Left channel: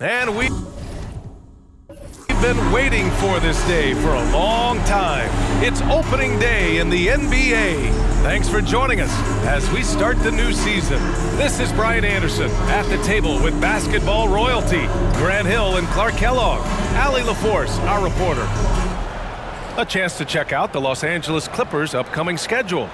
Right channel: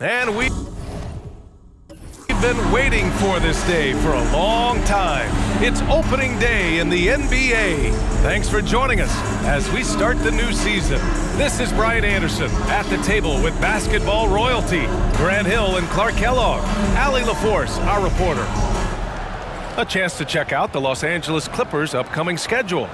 And we've been waiting for this day for a long time. It's opening day in the NBA. Thanks for joining us as we start the new season. This is Brian Anderson at the table with basketball royalty, Grant Hill and Clark Kellogg, Allie LaForce, our reporter. A chance to check out the Los Angeles Clippers' upcoming schedule.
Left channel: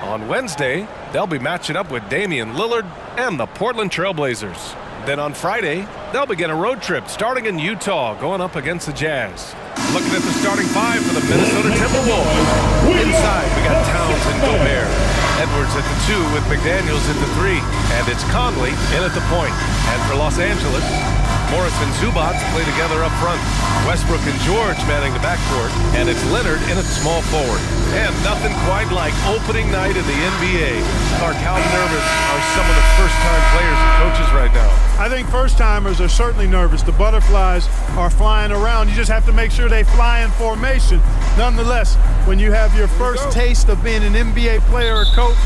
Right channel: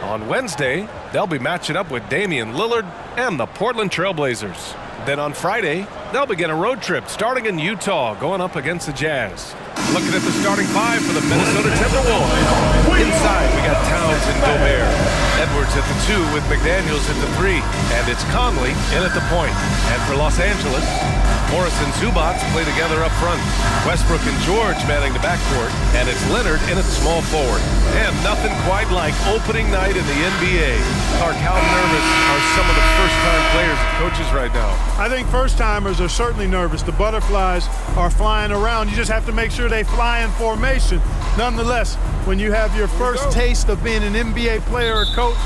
On Wednesday, they'll be matching up with Damian Lillard and the Portland Trail Blazers. Then on Friday, they'll begin a road trip starting in Utah, going up against the Jazz. Looking at the starting five for the Minnesota Timberwolves. Inside, we got Towns and Gobert. Edwards at the 2 with McDaniels at the 3. And it's Conley in at the point. And for Los Angeles, Morris and Zubac play together up front. Westbrook and George manning the backcourt. And it's Leonard in at small forward. And nothing quite like opening night in the NBA. Clark, how nervous are some of the first-time players and coaches right now? I think first-timers are certainly nervous. The butterflies are flying around. You just have to make sure they fly in formation. Nonetheless, when you have your first taste of being an NBA player or coach,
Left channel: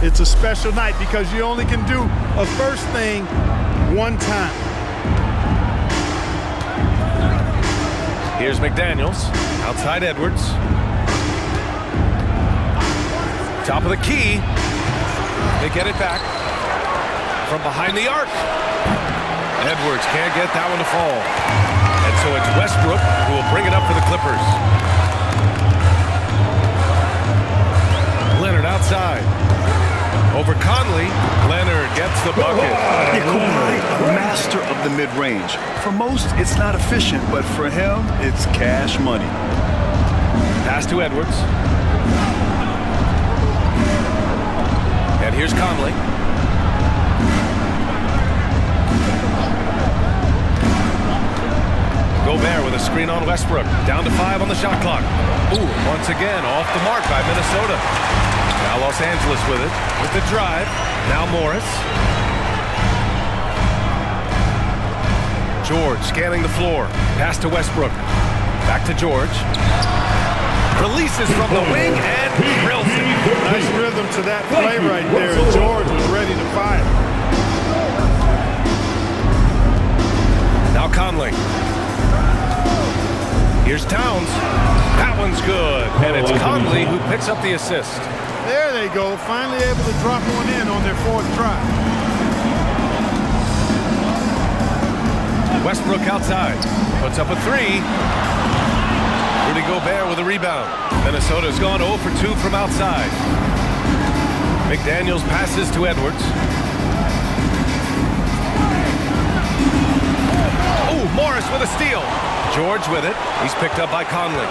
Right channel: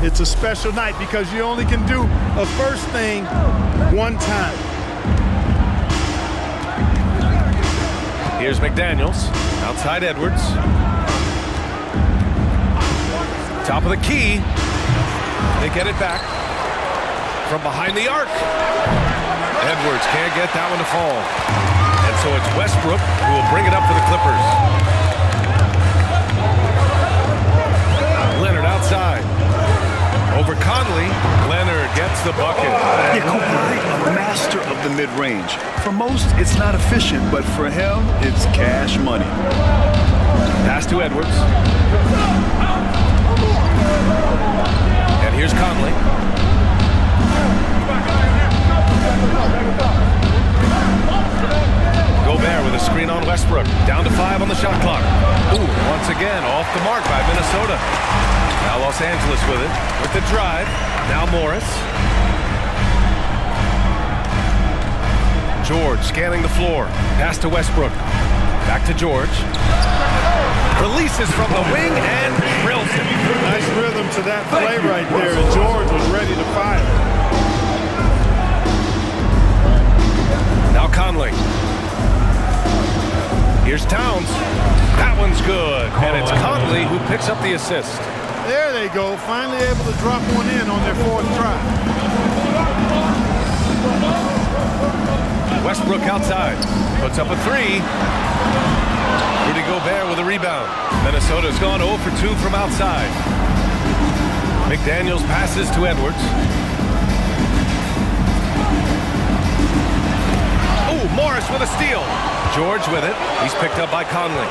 it's a special night because you only can do a first thing one time. Here's McDaniels, outside Edwards. Top of the key. They get it back from behind the arc. Edwards can't get that one to fall. And so it's Westbrook who will bring it up for the Clippers. Leonard outside. Over Conley. Leonard gets the bucket. Yeah, Kawhi, a master of the mid-range. For most, it's not efficient, but for him, it's cash money. Pass to Edwards. And here's Conley. Gobert with a screen on Westbrook. Down to 5 on the shot clock. Ooh, once again, off the mark by Minnesota. Now Los Angeles with it, with the drive. Now Morris. George scanning the floor. Pass to Westbrook. Back to George. Releases from the wing and drills it. Nice rhythm to that play right there, and George was ready to fire. Now Conley. Here's Towns. That one's good. And it's Conley who picks up the assist. There they go, finally able to drop one in on their 4th try. Westbrook outside. Puts up a 3. Rudy Gobert with a rebound. Minnesota's gone 0 for 2 from outside. McDaniels passes to Edwards. Oh, Morris with a steal. George with it. He's picked up by Conley.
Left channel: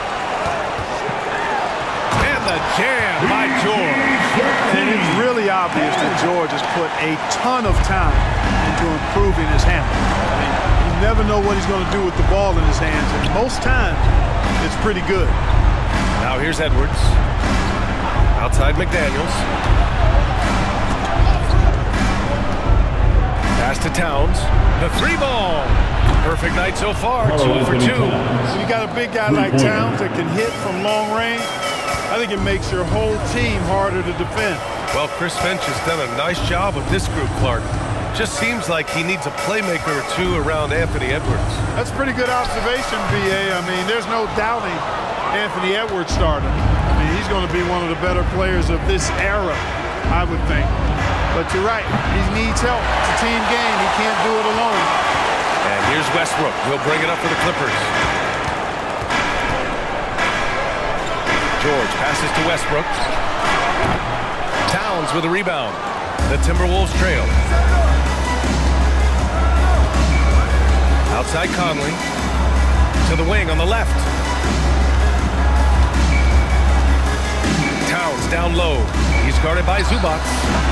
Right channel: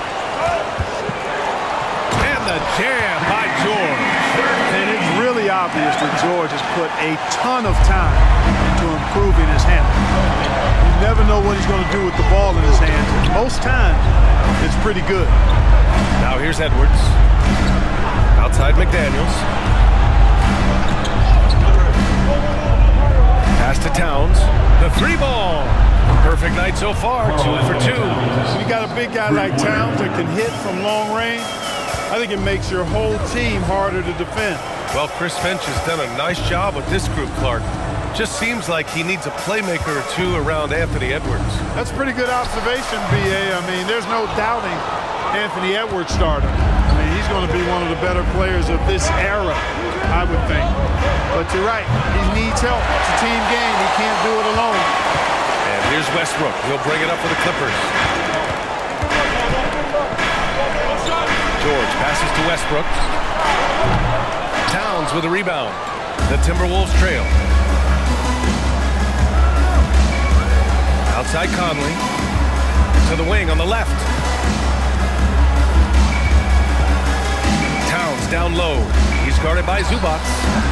And the jam by George. And it's really obvious that George has put a ton of time into improving his handle. I mean, you never know what he's going to do with the ball in his hands, and most times it's pretty good. Now here's Edwards. Outside McDaniels. Pass to Towns. The 3 ball. Perfect night so far. 2 for 2. When you got a big guy like Towns that can hit from long range, I think it makes your whole team harder to defend. Well, Chris Finch has done a nice job with this group, Clark. Just seems like he needs a playmaker or 2 around Anthony Edwards. That's a pretty good observation, B.A. I mean, there's no doubting Anthony Edwards stardom. I mean, he's going to be one of the better players of this era, I would think. But you're right, he needs help. It's a team game. He can't do it alone. And here's Westbrook. He'll bring it up for the Clippers. George passes to Westbrook. Towns with a rebound. The Timberwolves trail. Outside Conley. To the wing on the left. Towns down low. He's guarded by Zubac.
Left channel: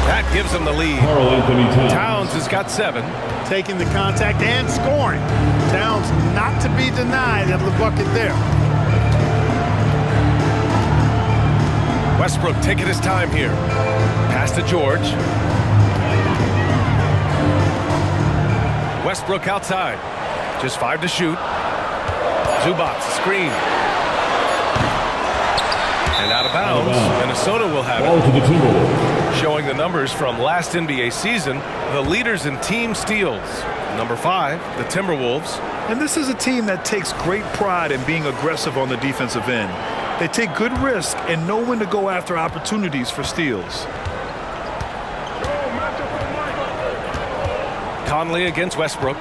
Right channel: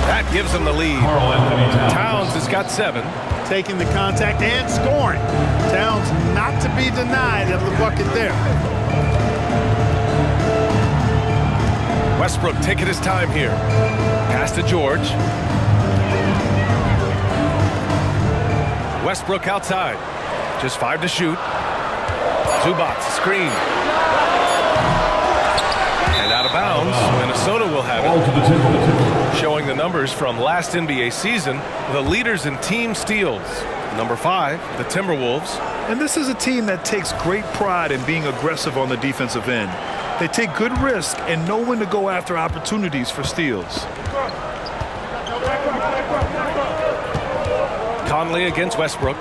That gives him the lead. Towns has got 7. Taking the contact and scoring. Towns not to be denied of the bucket there. Westbrook taking his time here. Pass to George. Westbrook outside. Just 5 to shoot. Zubac, screen. And out of bounds, Minnesota will have it. Showing the numbers from last NBA season, the leaders in team steals. Number 5, the Timberwolves. And this is a team that takes great pride in being aggressive on the defensive end. They take good risk and know when to go after opportunities for steals. Conley against Westbrook.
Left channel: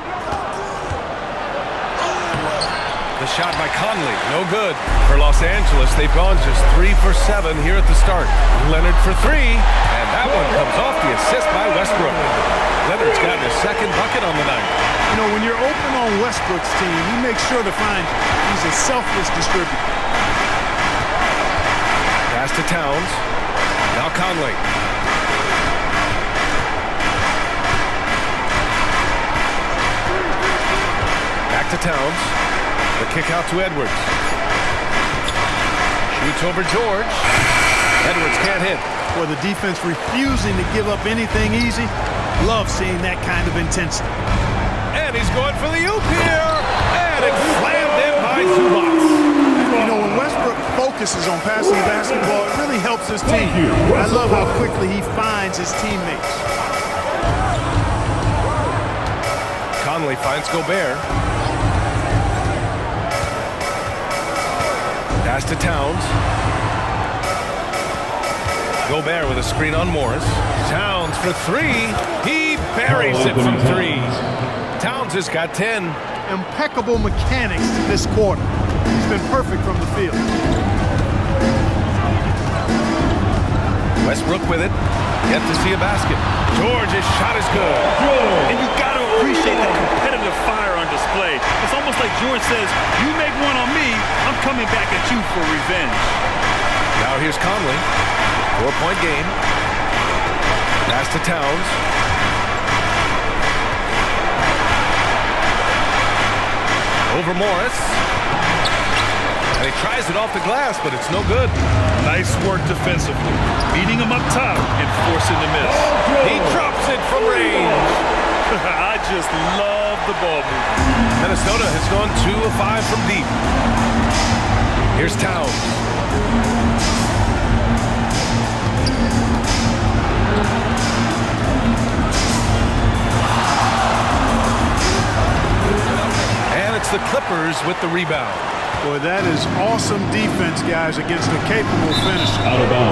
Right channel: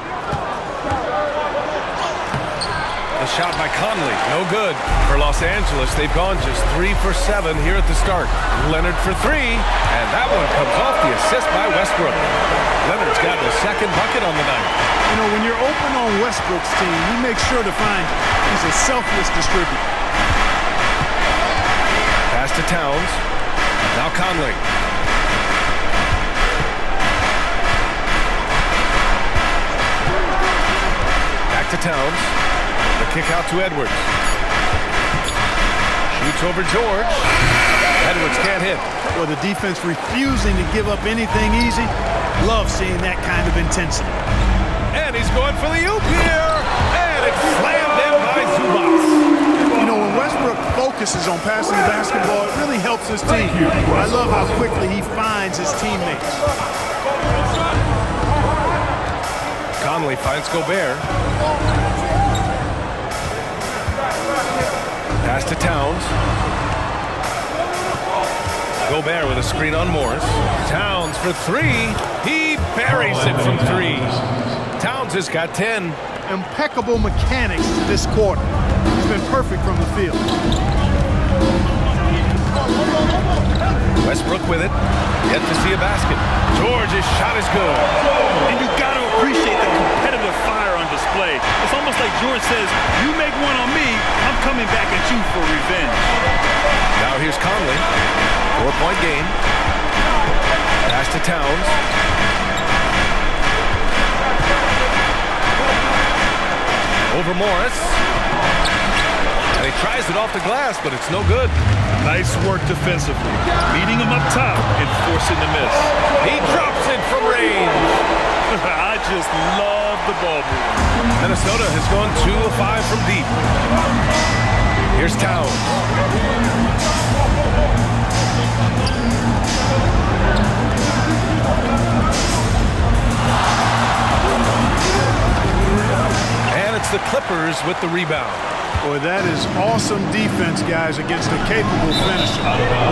The shot by Conley, no good. For Los Angeles, they've gone just 3 for 7 here at the start. Leonard for 3, and that one comes off the assist by Westbrook. Leonard's gotten his second bucket on the night. You know, when you're open on Westbrook's team, he makes sure to find he's a selfless distributor. Pass to Towns. Now Conley. Back to Towns. The kick out to Edwards. Shoots over George. Edwards can't hit. Well, the defense refusing to give up anything easy. Love seeing that kind of intensity. And he's going for the oop here. And it's slammed in by Zubac. You know, when Westbrook focuses on passing the basketball, it really helps his team. I love how quickly he finds his teammates. Conley finds Gobert. Pass to Towns. Gobert with a screen on Morris. Towns for 3. He buries it from 3. Towns has got 10. Impeccable mechanics this quarter. He's been perfect from the field. Westbrook with it. Yet to see a basket. George's shot is good. And you got to appreciate the competitive fire on display. It's almost like George says, you make one on me, I'm coming back at you for revenge. Now here's Conley. 4-point game. Pass to Towns. Over Morris. And he tries it off the glass, but it's no good. Nice work defensively, beating him up top and forcing the miss. He drops it from range. I just love the ball movement. Minnesota has gone 2 of 5 from deep. Here's Towns. And it's the Clippers with the rebound. Boy, that is awesome defense, guys, against a capable finisher.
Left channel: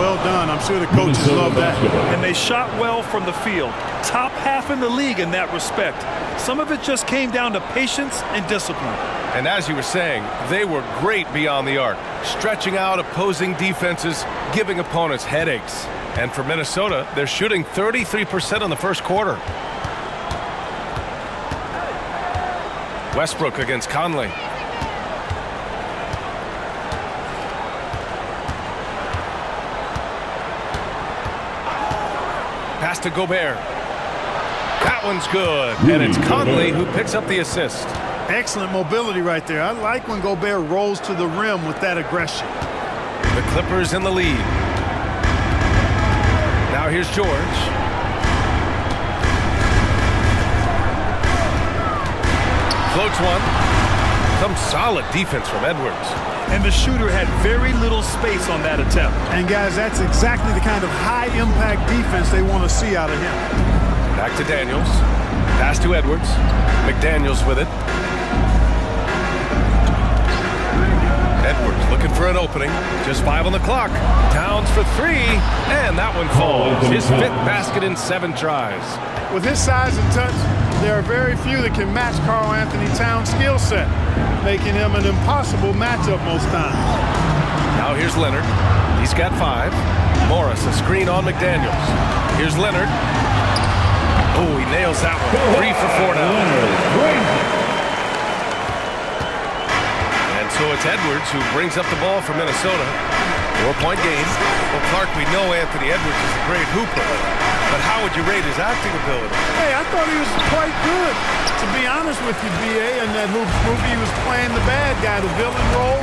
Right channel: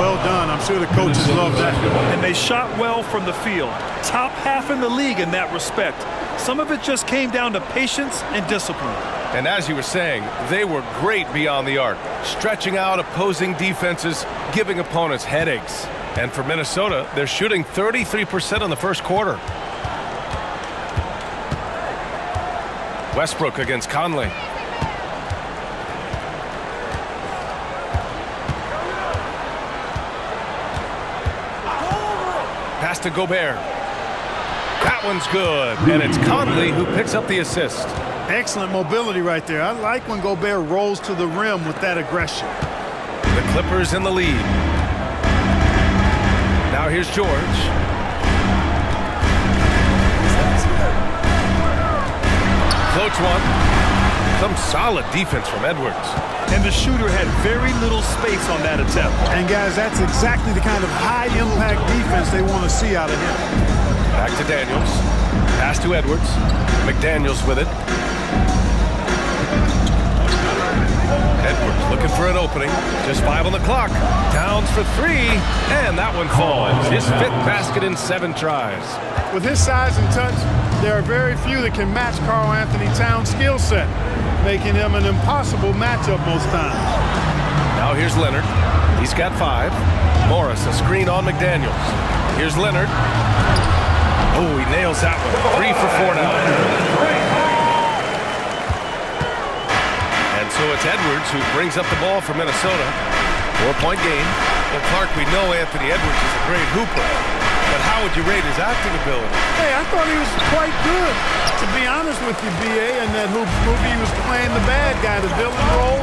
Well done. I'm sure the coaches love that. And they shot well from the field. Top half in the league in that respect. Some of it just came down to patience and discipline. And as you were saying, they were great beyond the arc, stretching out opposing defenses, giving opponents headaches. And for Minnesota, they're shooting 33% in the first quarter. Westbrook against Conley. Pass to Gobert. That one's good. And it's Conley who picks up the assist. Excellent mobility right there. I like when Gobert rolls to the rim with that aggression. The Clippers in the lead. Now here's George. Floats one. Some solid defense from Edwards. And the shooter had very little space on that attempt. And guys, that's exactly the kind of high-impact defense they want to see out of him. Back to Daniels. Pass to Edwards. McDaniels with it. Edwards looking for an opening. Just 5 on the clock. Towns for 3. And that one falls. His 5th basket in 7 tries. With his size and touch, there are very few that can match Karl Anthony Towns' skill set, making him an impossible matchup most times. Now here's Leonard. He's got 5. Morris, a screen on McDaniels. Here's Leonard. Oh, he nails that one. 3 for 4 now. And so it's Edwards who brings up the ball for Minnesota. 4-point game. Well, Clark, we know Anthony Edwards is a great hooper. But how would you rate his acting ability? Hey, I thought he was quite good. To be honest with you, B.A., in that Hoops movie, he was playing the bad guy, the villain role.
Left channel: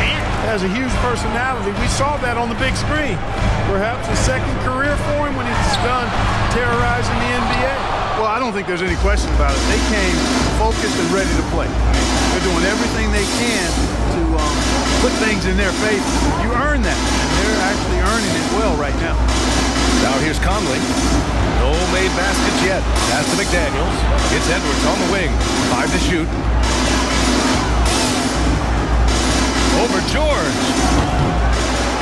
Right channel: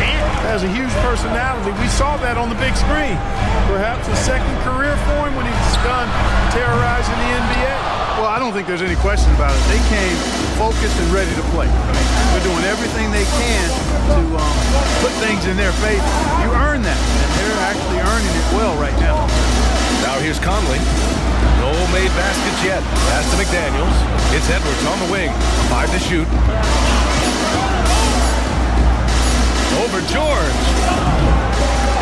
And has a huge personality. We saw that on the big screen. Perhaps a second career for him when he's done terrorizing the NBA. Well, I don't think there's any question about it. They came focused and ready to play. I mean, they're doing everything they can to put things in their favor. You earn that, and they're actually earning it well right now. Now here's Conley. No made baskets yet. Pass to McDaniels. It's Edwards on the wing. 5 to shoot. Over George.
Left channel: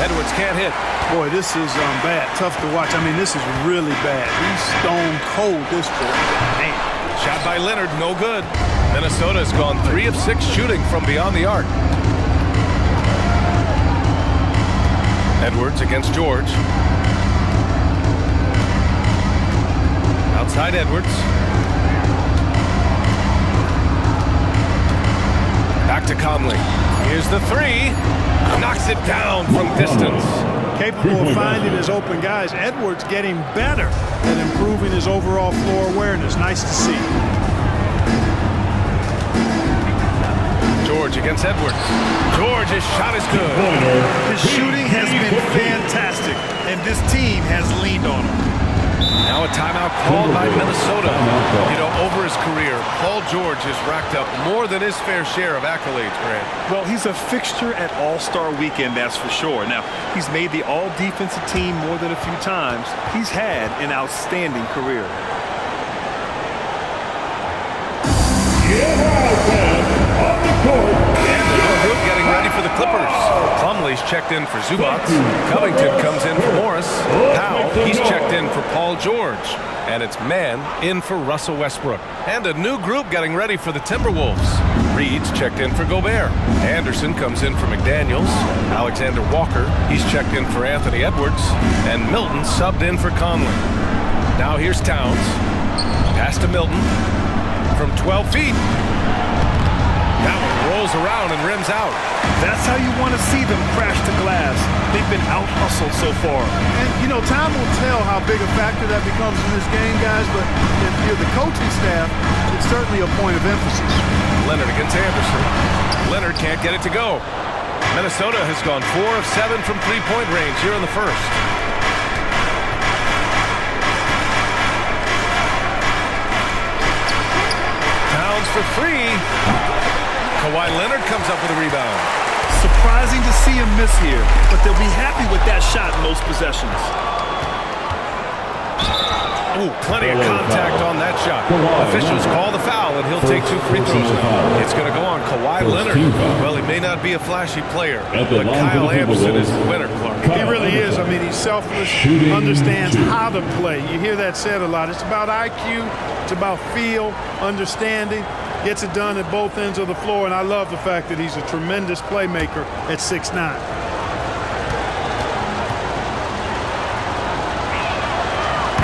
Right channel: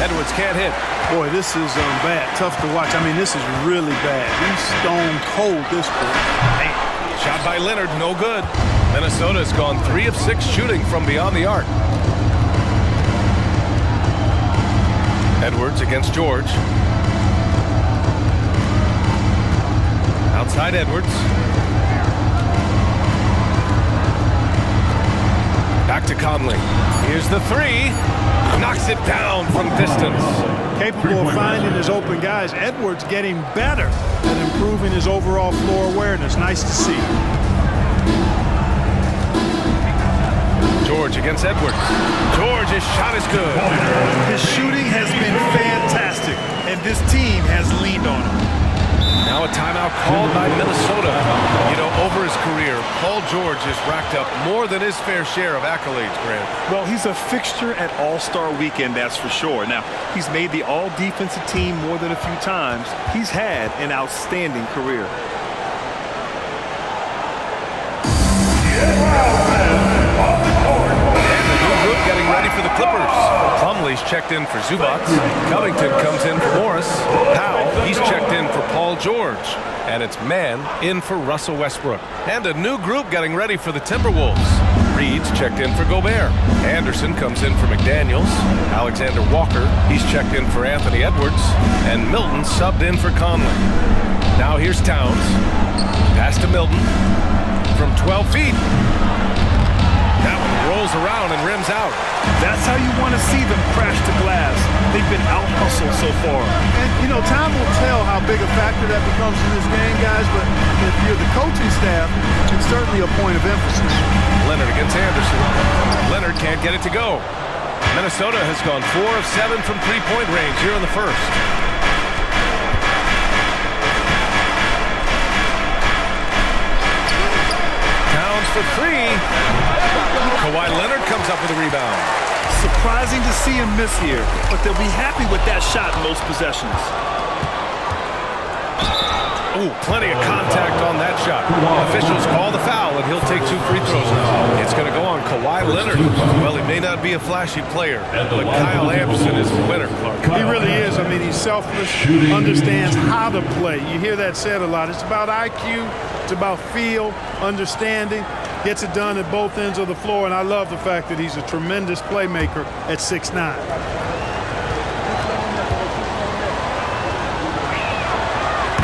Edwards can't hit. Boy, this is bad. Tough to watch. I mean, this is really bad. He's stone cold this quarter. Man. Shot by Leonard, no good. Minnesota's gone 3 of 6 shooting from beyond the arc. Edwards against George. Outside Edwards. Back to Conley. Here's the 3. Knocks it down from distance. Capable of finding his open guys. Edwards getting better at improving his overall floor awareness. Nice to see. George against Edwards. George's shot is good. His shooting has been fantastic, and this team has leaned on him. Now a timeout called by Minnesota. You know, over his career, Paul George has racked up more than his fair share of accolades, Grant. Well, he's a fixture at All-Star Weekend, that's for sure. Now, he's made the All-Defensive team more than a few times. He's had an outstanding career. And the new group getting ready for the Clippers. Plumlee's checked in for Zubac. Covington comes in for Morris. Powell, he's checked in for Paul George. And it's Mann in for Russell Westbrook. And a new group getting ready for the Timberwolves. Reed's checked in for Gobert. Anderson comes in for McDaniels. Alexander Walker, he's checked in for Anthony Edwards. And Milton subbed in for Conley. Now here's Towns. Pass to Milton from 12 feet. That one rolls around and rims out. That's how you want to see them crash the glass. They've been out-hustled so far. And, you know, time will tell how big a factor that becomes in this game, guys, but if you're the coaching staff, it's certainly a point of emphasis. Leonard against Anderson. Leonard can't get it to go. Minnesota has gone 4 of 7 from three-point range here in the first. Towns for 3. Kawhi Leonard comes up with a rebound. Surprising to see him miss here, but they'll be happy with that shot in most possessions. Ooh, plenty of contact on that shot. Officials call the foul, and he'll take 2 free throws now. It's going to go on Kawhi Leonard. Well, he may not be a flashy player, but Kyle Anderson is a winner, Clark. He really is. I mean, he's selfless, understands how to play. You hear that said a lot. It's about IQ. It's about feel, understanding. Gets it done at both ends of the floor, and I love the fact that he's a tremendous playmaker at 6'9".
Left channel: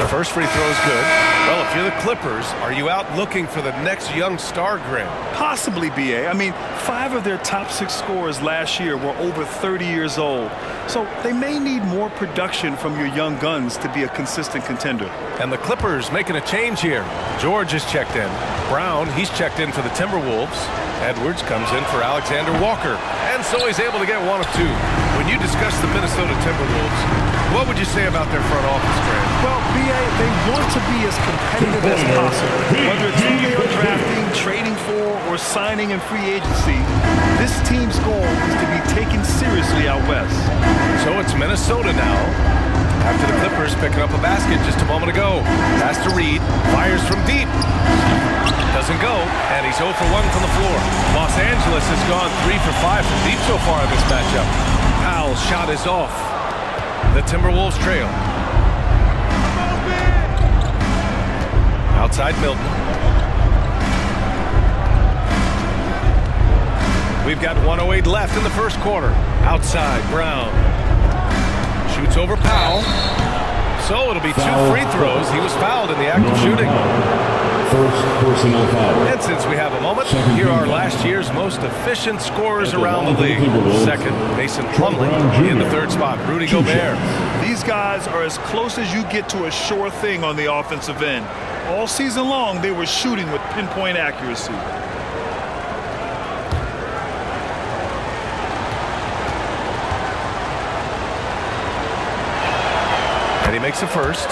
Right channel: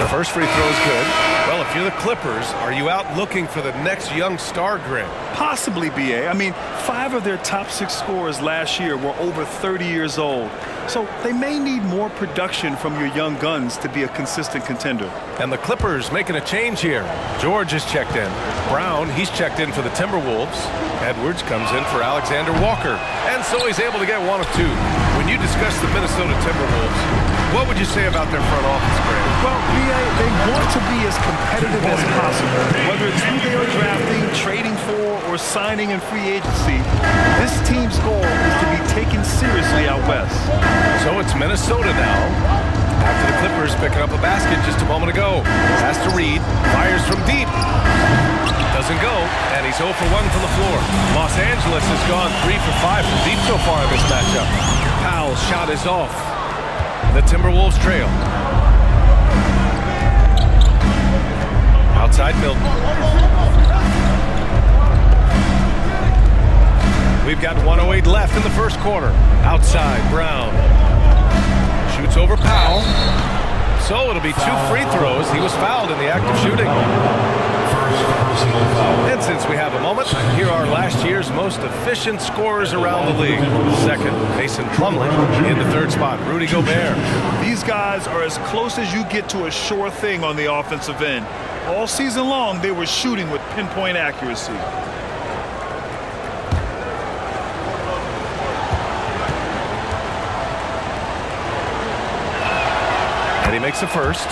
The first free throw is good. Well, if you're the Clippers, are you out looking for the next young star, Grant? Possibly, B.A. I mean, 5 of their top 6 scorers last year were over 30 years old. So they may need more production from your young guns to be a consistent contender. And the Clippers making a change here. George is checked in. Brown, he's checked in for the Timberwolves. Edwards comes in for Alexander Walker. And so he's able to get 1 of 2. When you discuss the Minnesota Timberwolves, what would you say about their front office, Grant? Well, B.A., they want to be as competitive as possible. Whether it's who they are drafting, trading for, or signing in free agency, this team's goal is to be taken seriously out west. So it's Minnesota now. After the Clippers picking up a basket just a moment ago. Pass to Reed. Fires from deep. Doesn't go. And he's 0 for 1 from the floor. Los Angeles has gone 3 for 5 from deep so far in this matchup. Powell's shot is off. The Timberwolves trail. Outside Milton. We've got 1:08 left in the first quarter. Outside Brown. Shoots over Powell. So it'll be 2 free throws. He was fouled in the act of shooting. First personal foul. And since we have a moment, here are last year's most efficient scorers around the league. Second, Mason Plumlee. In the third spot, Rudy Gobert. These guys are as close as you get to a sure thing on the offensive end. All season long, they were shooting with pinpoint accuracy. And he makes the first.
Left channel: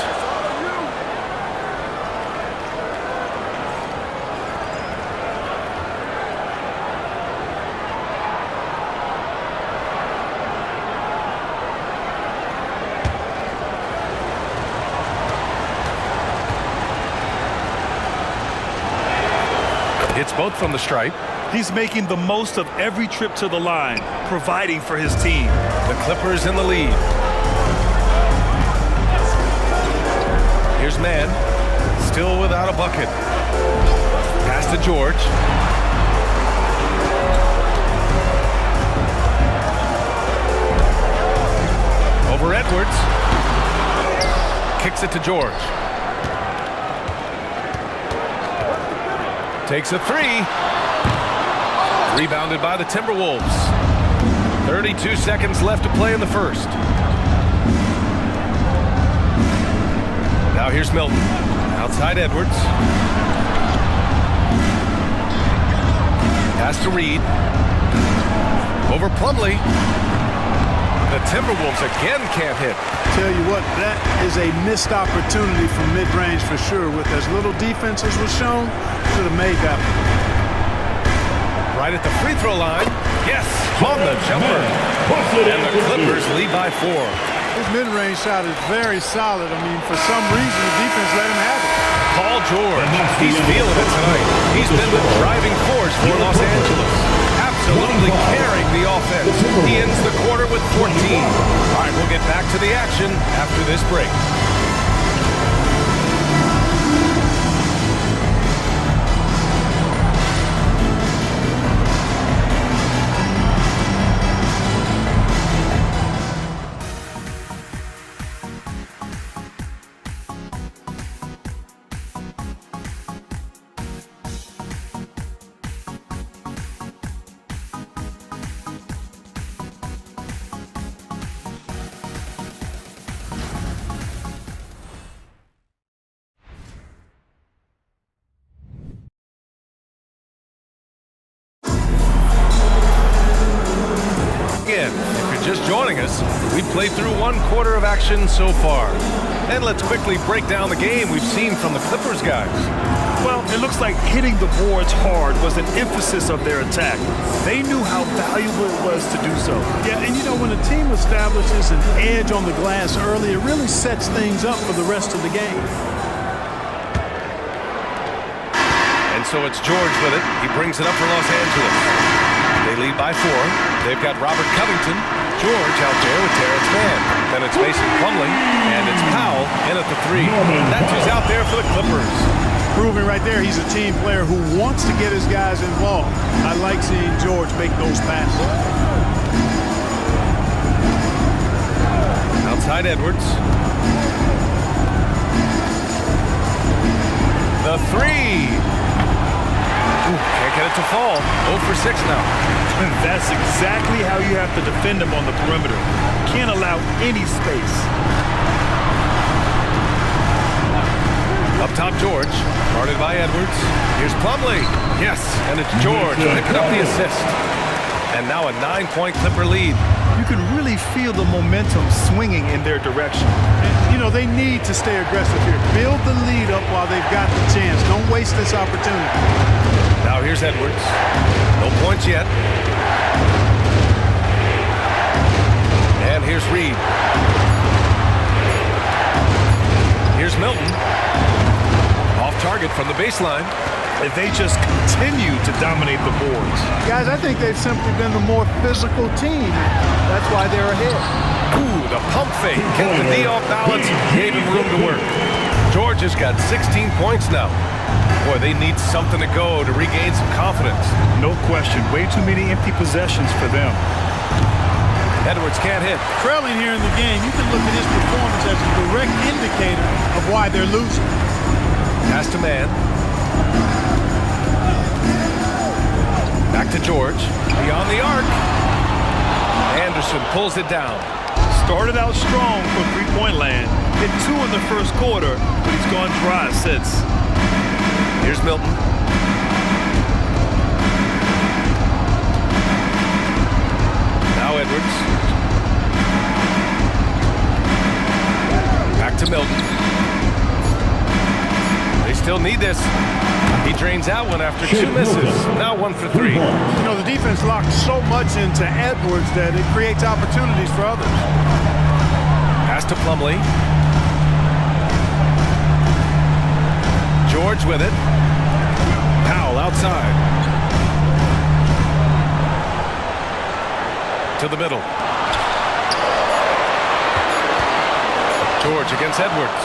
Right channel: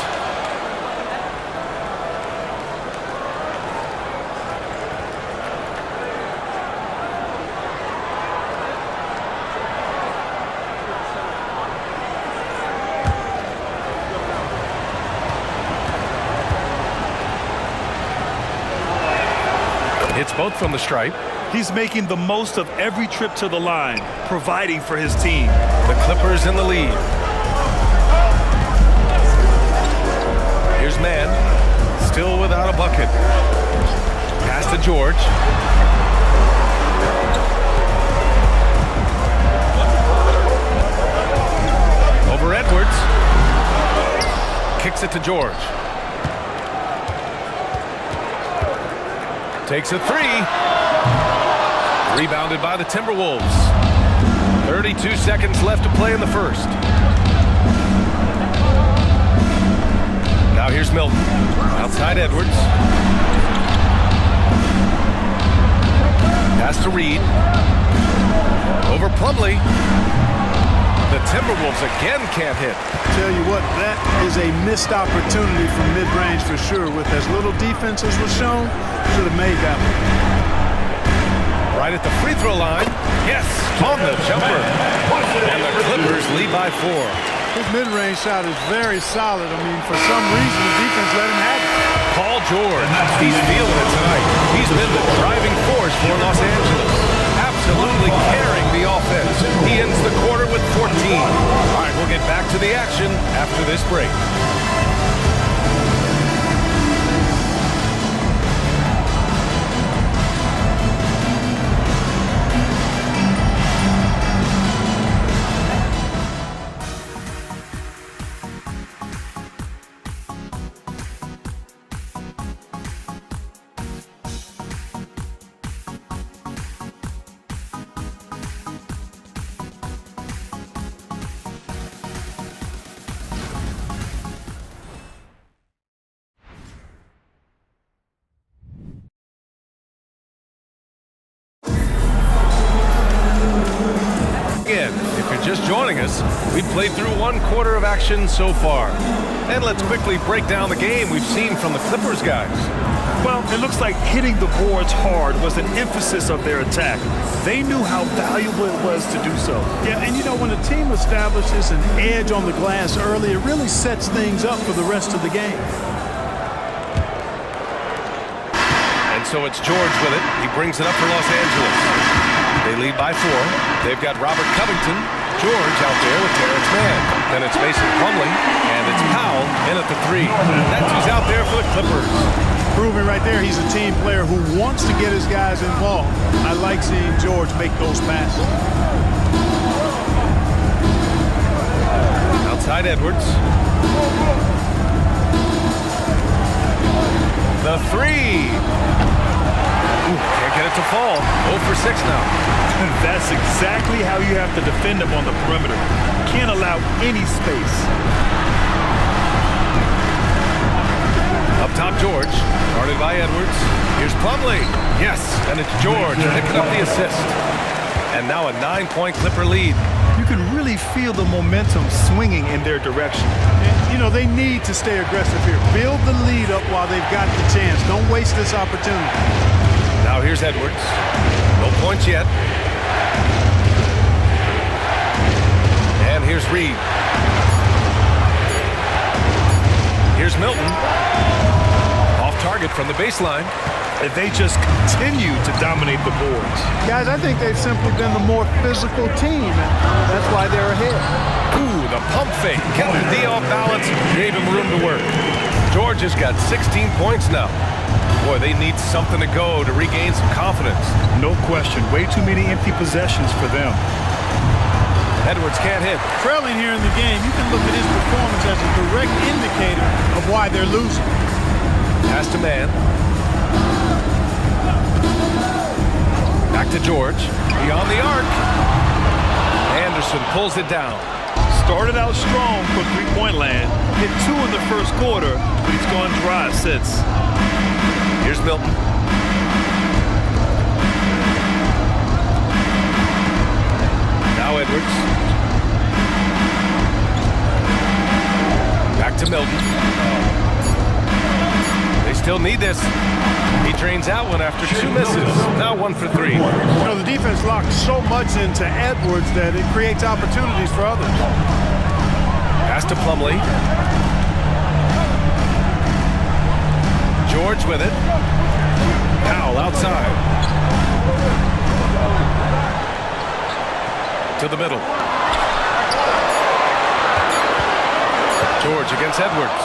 Hits both from the stripe. He's making the most of every trip to the line, providing for his team. The Clippers in the lead. Here's Mann, still without a bucket. Pass to George. Over Edwards. Kicks it to George. Takes a three. Rebounded by the Timberwolves. 32 seconds left to play in the first. Now here's Milton. Outside Edwards. Pass to Reed. Over Plumlee. The Timberwolves again can't hit. Tell you what, that is a missed opportunity from mid-range for sure. With as little defense as was shown, should have made that one. Right at the free throw line. Yes, on the jumper. And the Clippers lead by 4. His mid-range shot is very solid. I mean, for some reason, the defense let him have it. Paul George, he's feeling it tonight. He's been the driving force for Los Angeles. Absolutely carrying the offense. He ends the quarter with 14. All right, we'll get back to the action after this break. Again, if you're just joining us, we've played through 1 quarter of action so far. And let's quickly break down the game we've seen from the Clippers guys. Well, it looks like hitting the boards hard was an emphasis of their attack. They knew how valuable it was to do so. Yeah, and you know, when a team establishes an edge on the glass early, it really sets things up for the rest of the game. And so it's George with it. He brings it up for Los Angeles. They lead by 4. They've got Robert Covington. George out there with Terrence Mann. Then it's Mason Plumlee, and it's Powell in at the 3. That's who's out there for the Clippers. Proving right there he's a team player who wants to get his guys involved. I like seeing George make those passes. Outside Edwards. The 3. Ooh, can't get it to fall. 0 for 6 now. That's exactly how you have to defend him on the perimeter. Can't allow any space. Up top, George. Guarded by Edwards. Here's Plumlee. Yes, and it's George picking up the assist. And now a 9-point Clipper lead. You can really feel the momentum swinging in their direction. And, you know, they need to stay aggressive here. Build the lead up while they've got the chance. Don't waste this opportunity. Now here's Edwards. No points yet. And here's Reed. Here's Milton. Off target from the baseline. And they just continue to dominate the boards. Guys, I think they've simply been the more physical team, and that's why they're ahead. Ooh, the pump fake. Kept the D off balance, gave him room to work. George has got 16 points now. Boy, they need something to go to regain some confidence. No question. Way too many empty possessions for them. Edwards can't hit. Trailing here in the game, you can look at his performance as a direct indicator of why they're losing. Pass to Mann. Back to George. Beyond the arc. Anderson pulls it down. Started out strong from three-point land. Hit 2 in the first quarter, but he's gone dry since. Here's Milton. Now Edwards. Back to Milton. They still need this. He drains out one after 2 misses. Now 1 for 3. You know, the defense locked so much into Edwards that it creates opportunities for others. Pass to Plumlee. George with it. Powell outside. To the middle. George against Edwards.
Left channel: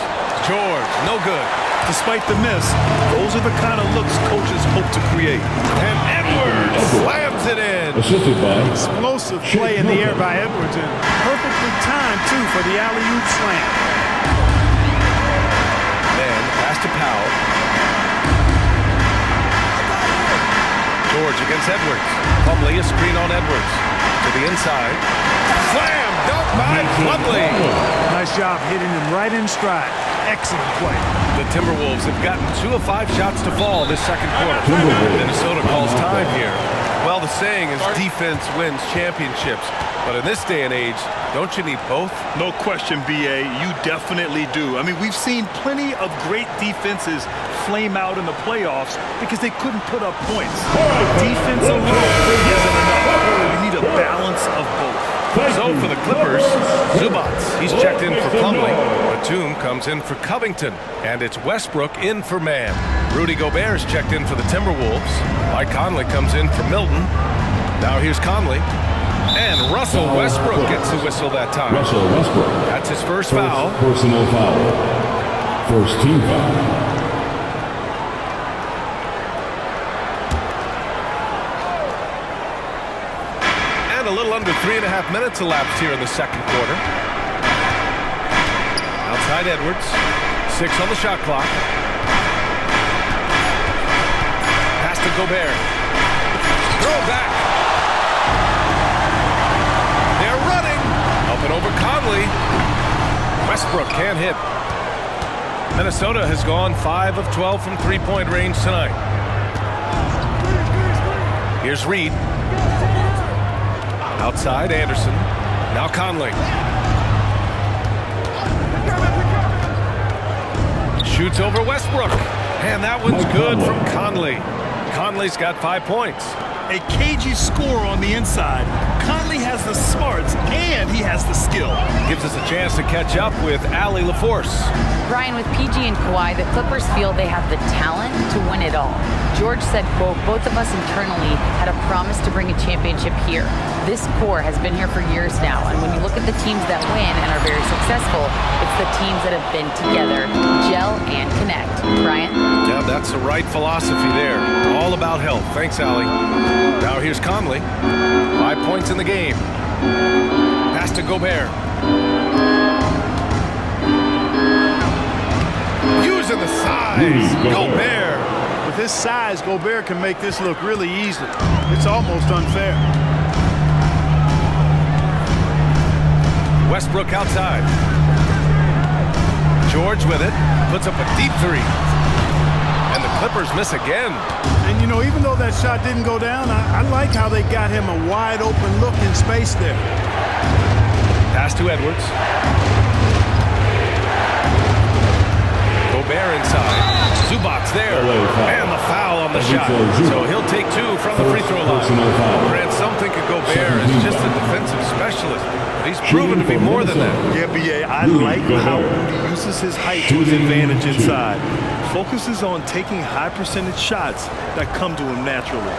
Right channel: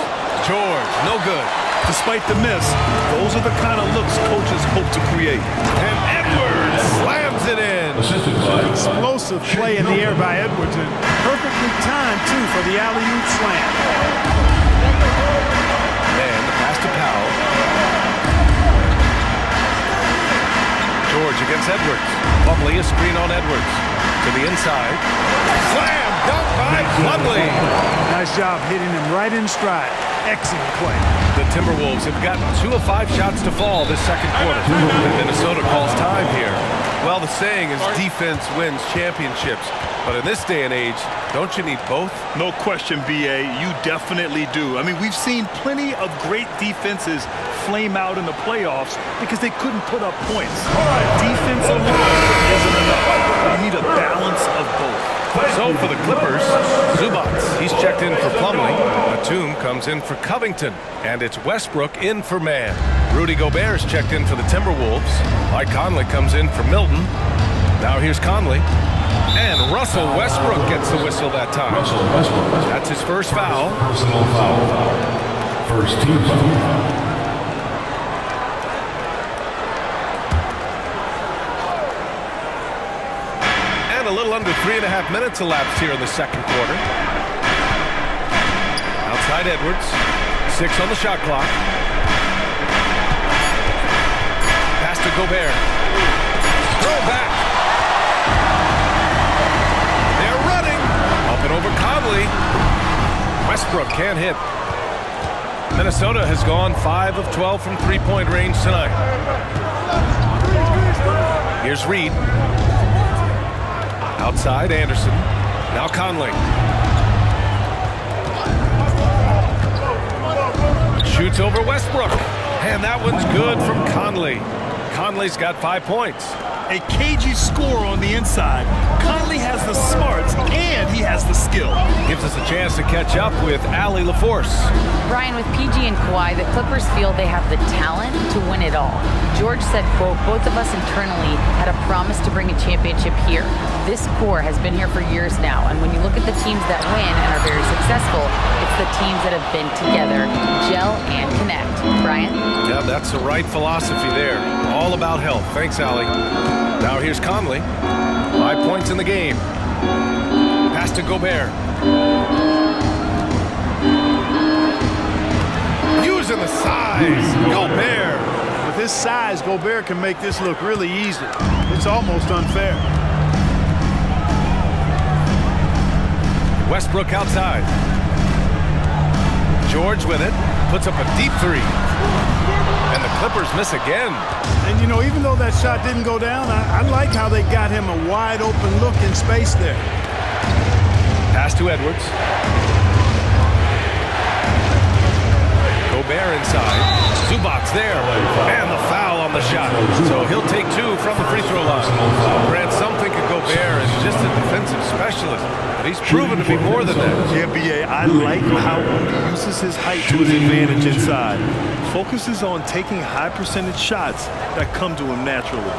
George, no good. Despite the miss, those are the kind of looks coaches hope to create. And Edwards slams it in. Assisted by Explosive play in the air by Edwards, and perfectly timed, too, for the alley-oop slam. Man, the pass to Powell. George against Edwards. Plumlee, a screen on Edwards. To the inside. Slam dunk by Plumlee. Nice job hitting him right in stride. Excellent play. The Timberwolves have gotten 2 of 5 shots to fall this second quarter. And Minnesota calls time here. Well, the saying is defense wins championships. But in this day and age, don't you need both? No question, B.A. You definitely do. I mean, we've seen plenty of great defenses flame out in the playoffs because they couldn't put up points. Defense alone isn't enough. You need a balance of both. So for the Clippers, Zubats, he's checked in for Plumlee. Batum comes in for Covington. And it's Westbrook in for Mann. Rudy Gobert's checked in for the Timberwolves. Mike Conley comes in for Milton. Now here's Conley. And Russell Westbrook gets the whistle that time. Russell Westbrook. That's his first foul. Personal foul. First team foul. And a little under 3.5 minutes elapsed here in the second quarter. Outside Edwards. 6 on the shot clock. Pass to Gobert. Throw it back. They're running. Up and over Conley. Westbrook can't hit. Minnesota has gone 5 of 12 from three-point range tonight. Here's Reed. Outside Anderson. Now Conley. Shoots over Westbrook. And that one's good from Conley. Conley's got 5 points. A cagey score on the inside. Conley has the smarts and he has the skill. Gives us a chance to catch up with Allie LaForce. Brian, with PG and Kawhi, the Clippers feel they have the talent to win it all. George said, quote, both of us internally had a promise to bring a championship here. This core has been here for years now, and when you look at the teams that win and are very successful, it's the teams that have been together, gel and connect. Brian? Yeah, that's the right philosophy there. All about health. Thanks, Allie. Now here's Conley. 5 points in the game. Pass to Gobert. Using the size. Gobert. With his size, Gobert can make this look really easy. It's almost unfair. Westbrook outside. George with it. Puts up a deep 3. And the Clippers miss again. And, you know, even though that shot didn't go down, I like how they got him a wide open look in space there. Pass to Edwards. Gobert inside. Zubats there. And the foul on the shot. So he'll take 2 from the free throw line. Grant, some think of Gobert as just a defensive specialist, but he's proven to be more than that. Yeah, B.A., I like how Rudy uses his height to his advantage inside. Focuses on taking high percentage shots that come to him naturally.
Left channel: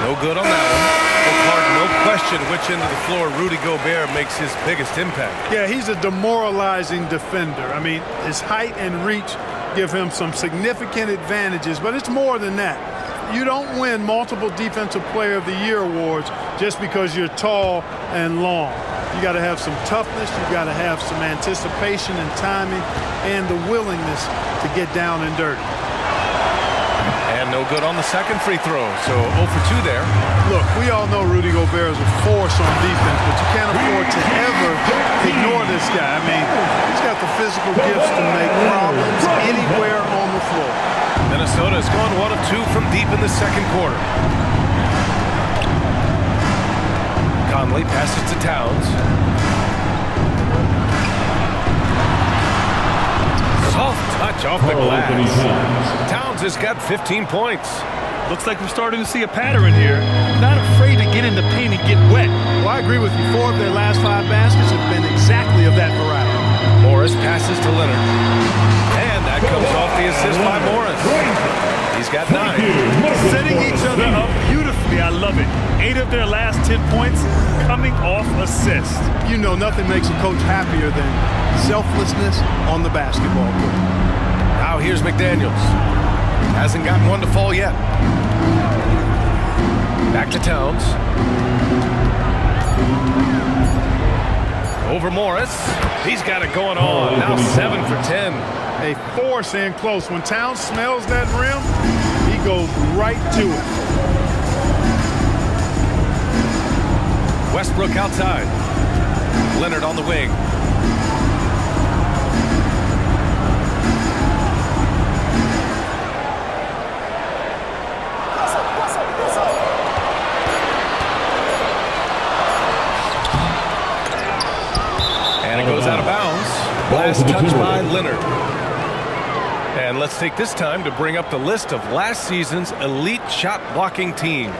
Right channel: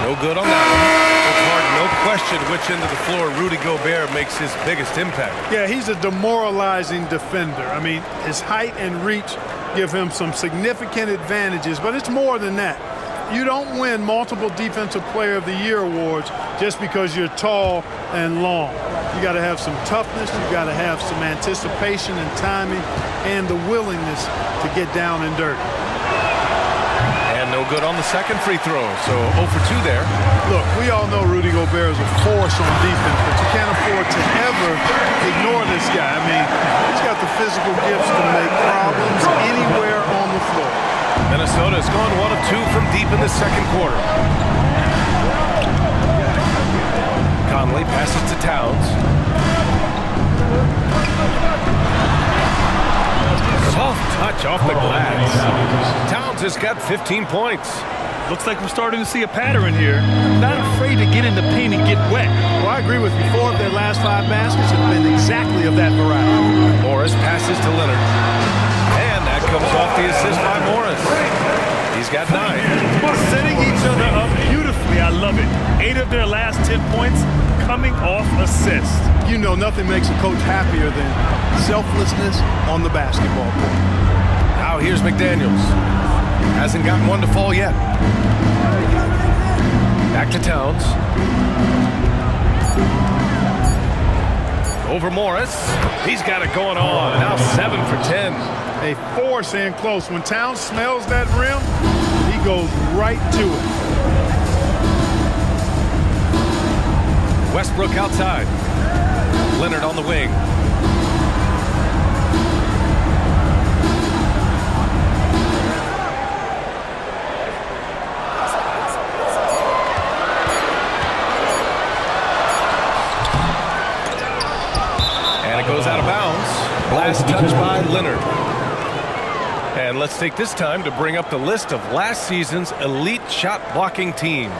No good on that one. Well, Clark, no question which end of the floor Rudy Gobert makes his biggest impact. Yeah, he's a demoralizing defender. I mean, his height and reach give him some significant advantages, but it's more than that. You don't win multiple Defensive Player of the Year awards just because you're tall and long. You got to have some toughness, you got to have some anticipation and timing, and the willingness to get down and dirty. And no good on the second free throw, so 0 for 2 there. Look, we all know Rudy Gobert is a force on defense, but you can't afford to ever ignore this guy. I mean, he's got the physical gifts to make problems anywhere on the floor. Minnesota has gone 1 of 2 from deep in the second quarter. Conley passes to Towns. Soft touch off the glass. Towns has got 15 points. Looks like we're starting to see a pattern here. Not afraid to get in the paint and get wet. Well, I agree with you. 4 of their last 5 baskets have been exactly of that variety. Morris passes to Leonard. And that comes off the assist by Morris. He's got 9. Setting each other up beautifully. I love it. 8 of their last 10 points coming off assists. You know, nothing makes a coach happier than selflessness on the basketball court. Now here's McDaniels. Hasn't gotten one to fall yet. Back to Towns. Over Morris. He's got it going on. Now 7 for 10. A force in close. When Towns smells that rim, he goes right to it. Westbrook outside. Leonard on the wing. And it goes out of bounds. Last touch by Leonard. And let's take this time to bring up the list of last season's elite shot blocking teams.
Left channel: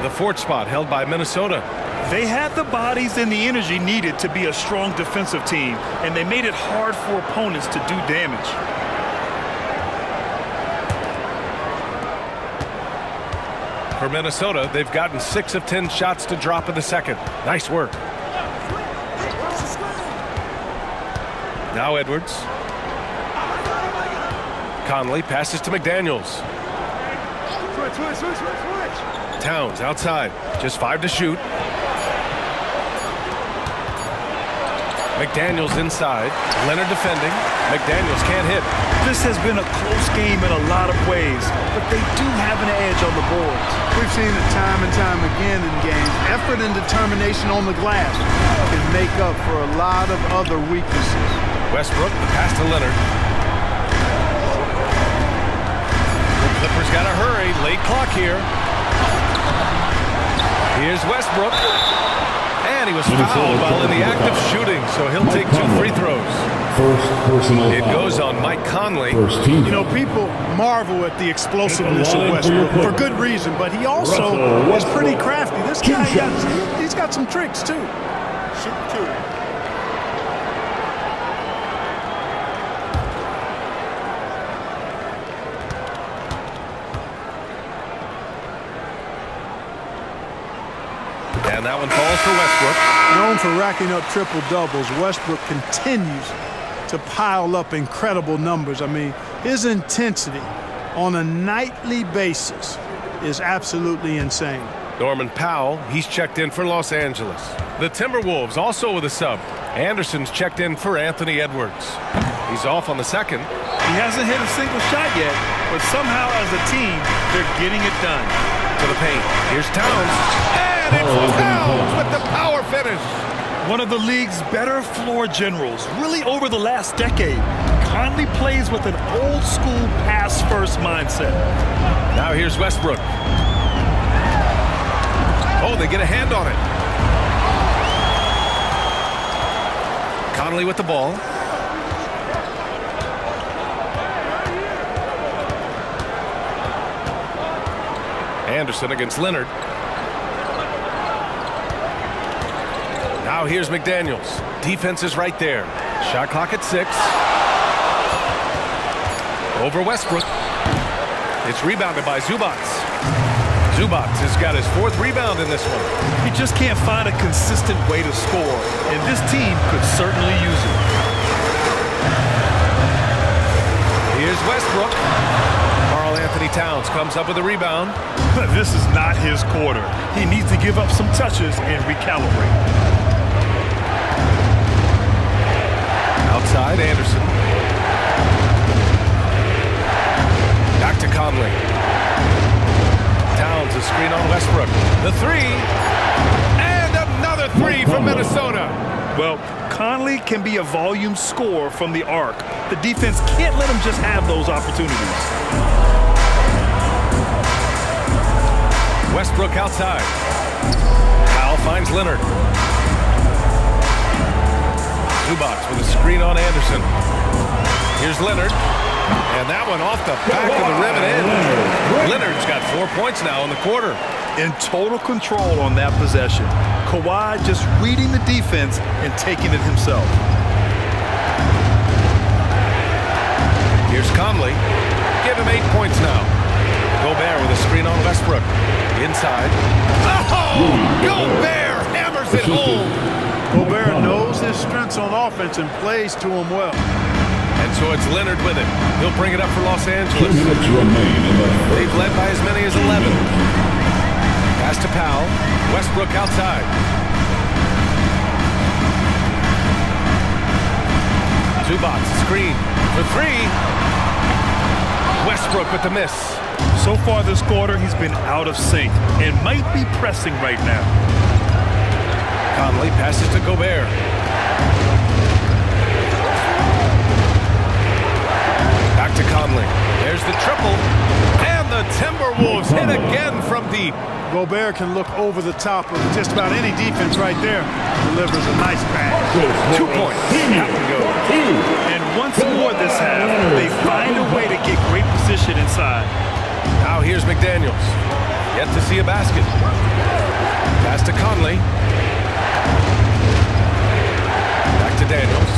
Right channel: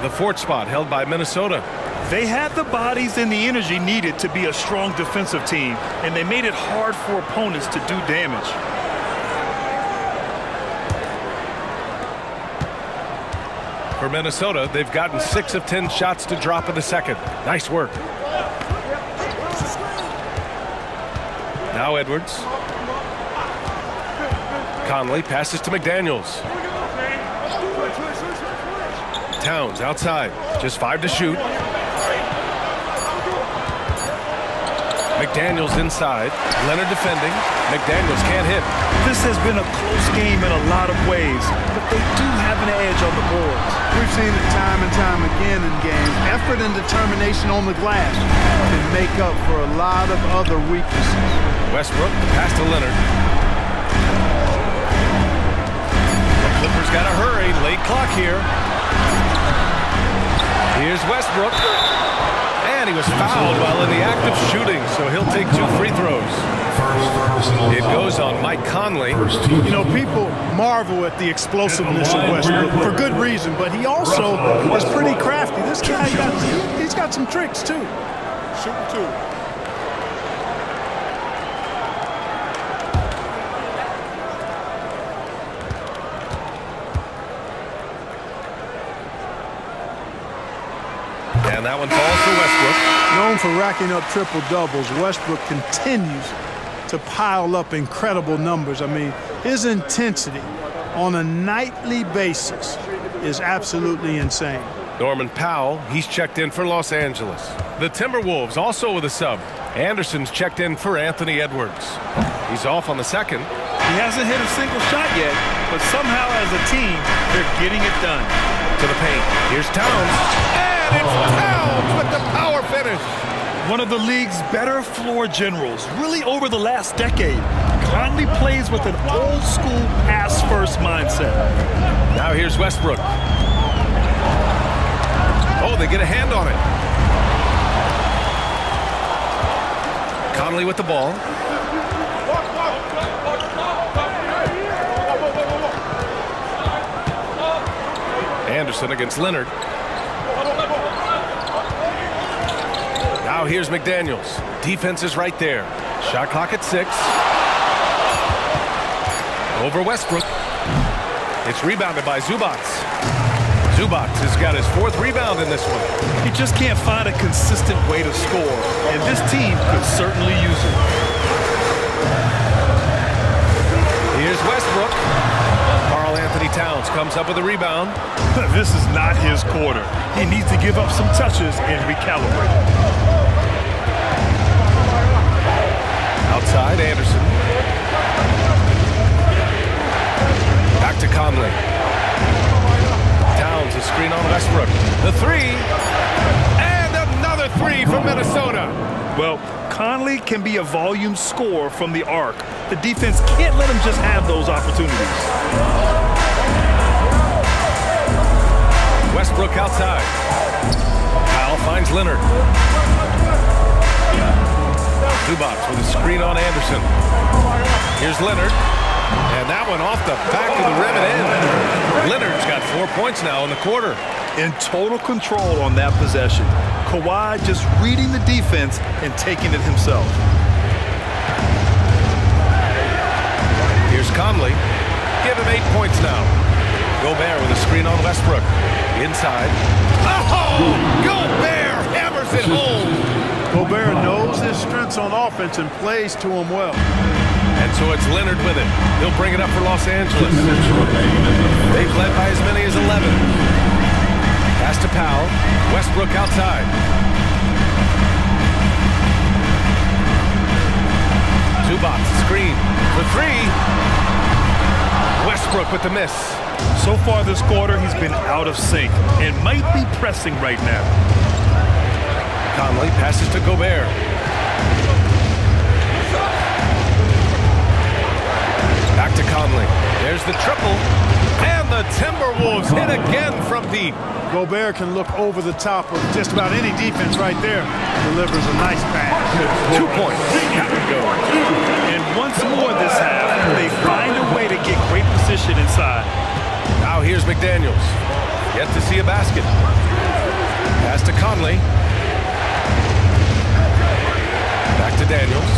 The 4th spot held by Minnesota. They had the bodies and the energy needed to be a strong defensive team, and they made it hard for opponents to do damage. For Minnesota, they've gotten 6 of 10 shots to drop in the second. Nice work. Now Edwards. Conley passes to McDaniels. Towns outside. Just 5 to shoot. McDaniels inside. Leonard defending. McDaniels can't hit. This has been a close game in a lot of ways, but they do have an edge on the boards. We've seen it time and time again in games. Effort and determination on the glass can make up for a lot of other weaknesses. Westbrook, the pass to Leonard. The Clippers got to hurry. Late clock here. Here's Westbrook. And he was fouled while in the act of shooting, so he'll take 2 free throws. First personal It foul. goes on Mike Conley. First team. You know, people marvel at the explosiveness of Westbrook for good reason, but he also is pretty crafty. This guy he's got some tricks too. Shoot 2. And that one falls for Westbrook. Known for racking up triple-doubles, Westbrook continues to pile up incredible numbers. I mean, his intensity on a nightly basis is absolutely insane. Norman Powell, he's checked in for Los Angeles. The Timberwolves also with a sub. Anderson's checked in for Anthony Edwards. He's off on the second. He hasn't hit a single shot yet, but somehow as a team, they're getting it done. To the paint. Here's Towns. And it's Towns with the power finish. One of the league's better floor generals, really over the last decade. Conley plays with an old-school pass-first mindset. Now here's Westbrook. Oh, they get a hand on it. Conley with the ball. Anderson against Leonard. Now here's McDaniels. Defense is right there. Shot clock at 6. Over Westbrook. It's rebounded by Zubac. Zubac has got his 4th rebound in this one. He just can't find a consistent way to score, and this team could certainly use it. Here's Westbrook. Karl Anthony Towns comes up with a rebound. This is not his quarter. He needs to give up some touches and recalibrate. Outside, Anderson. Back to Conley. Towns, a screen on Westbrook. The 3. And another 3 from Minnesota. Well, Conley can be a volume scorer from the arc. The defense can't let him just have those opportunities. Westbrook outside. Powell finds Leonard. Zubac with a screen on Anderson. Here's Leonard. And that one off the back of the rim and in. Leonard's got 4 points now in the quarter. In total control on that possession. Kawhi just reading the defense and taking it himself. Here's Conley. Give him 8 points now. Gobert with a screen on Westbrook. Inside. Oh! Gobert hammers it home. Gobert knows his strengths on offense and plays to him well. And so it's Leonard with it. He'll bring it up for Los Angeles. 2 minutes remain in the first. They've led by as many as 11. Pass to Powell. Westbrook outside. Zubac screen for 3. Westbrook with the miss. So far this quarter, he's been out of sync and might be pressing right now. Conley passes to Gobert. Back to Conley. There's the triple. And the Timberwolves hit again from deep. Gobert can look over the top of just about any defense right there. Delivers a nice pass. 2 points. That one goes. And once more this half, they find a way to get great position inside. Now here's McDaniels. Yet to see a basket. Pass to Conley. Back to Daniels.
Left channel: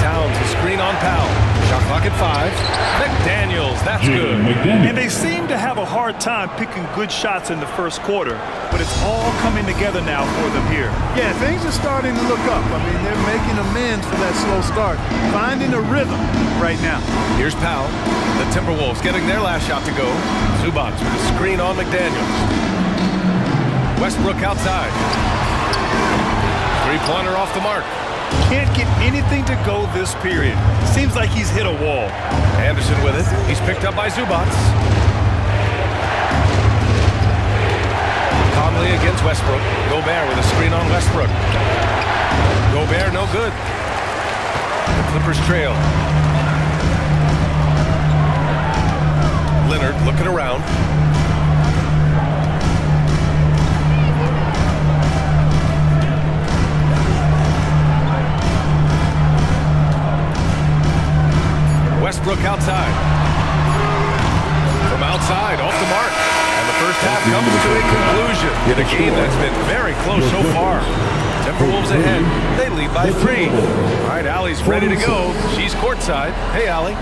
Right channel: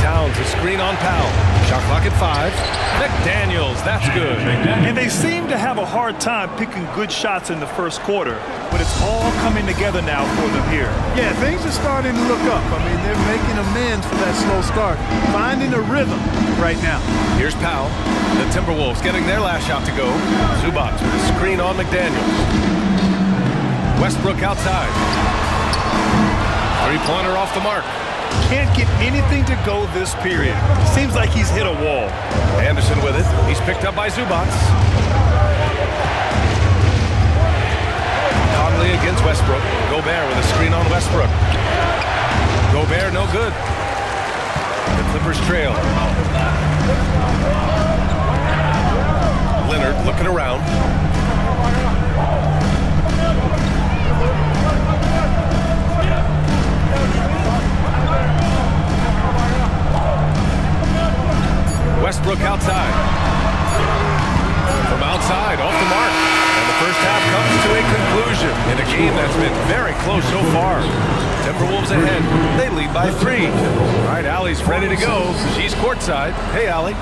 Towns a screen on Powell. Shot clock at 5. McDaniels, that's good. And they seem to have a hard time picking good shots in the first quarter, but it's all coming together now for them here. Yeah, things are starting to look up. I mean, they're making amends for that slow start. Finding a rhythm right now. Here's Powell. The Timberwolves getting their last shot to go. Zubac with a screen on McDaniels. Westbrook outside. Three-pointer off the mark. Can't get anything to go this period. Seems like he's hit a wall. Anderson with it. He's picked up by Zubac. Conley against Westbrook. Gobert with a screen on Westbrook. Gobert no good. The Clippers trail. Leonard looking around. Westbrook outside. From outside, off the mark. And the first half comes to a conclusion in a game that's been very close so far. Timberwolves ahead. They lead by 3. All right, Allie's ready to go. She's courtside. Hey, Allie.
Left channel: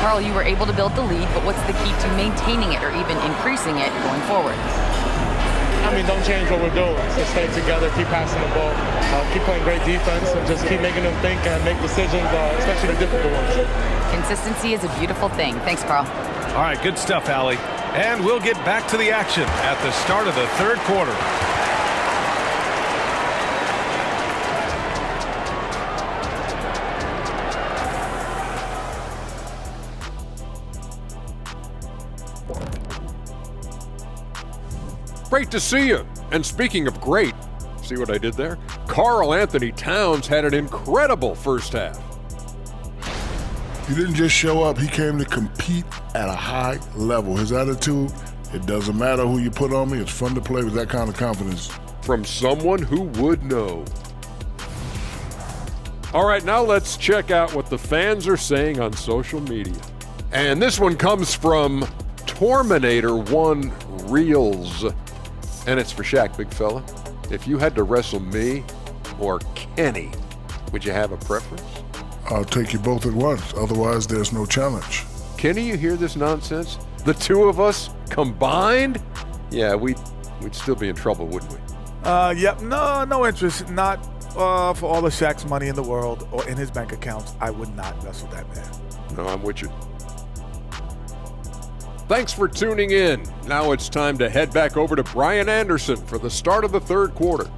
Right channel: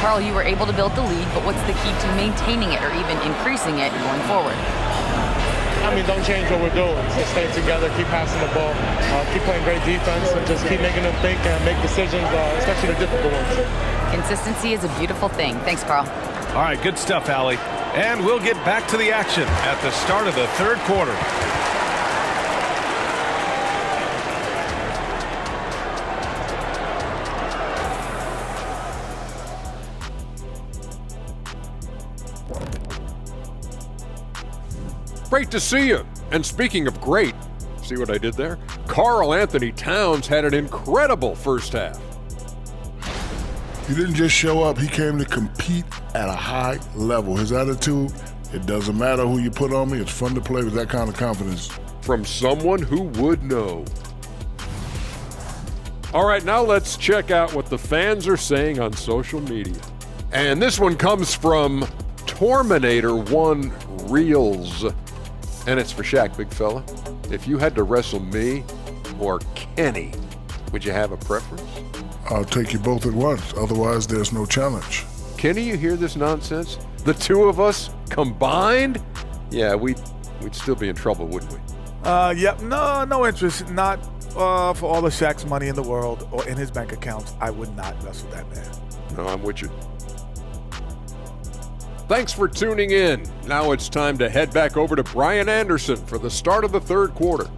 Carl, you were able to build the lead, but what's the key to maintaining it or even increasing it going forward? I mean, don't change what we're doing. Just stay together, keep passing the ball, keep playing great defense, and just keep making them think and make decisions, especially the difficult ones. Consistency is a beautiful thing. Thanks, Carl. All right, good stuff, Allie. And we'll get back to the action at the start of the third quarter. Great to see you. And speaking of great, see what I did there? Karl Anthony Towns had an incredible first half. He didn't just show up, he came to compete at a high level. His attitude, it doesn't matter who you put on me, it's fun to play with that kind of confidence. From someone who would know. All right, now let's check out what the fans are saying on social media. And this one comes from Torminator1 Reels. And it's for Shaq, big fella. If you had to wrestle me or Kenny, would you have a preference? I'll take you both at once, otherwise there's no challenge. Kenny, you hear this nonsense? The two of us combined? Yeah, we'd still be in trouble, wouldn't we? Yep. No interest. Not for all the Shaq's money in the world or in his bank accounts. I would not wrestle that man. No, I'm with you. Thanks for tuning in. Now it's time to head back over to Brian Anderson for the start of the third quarter.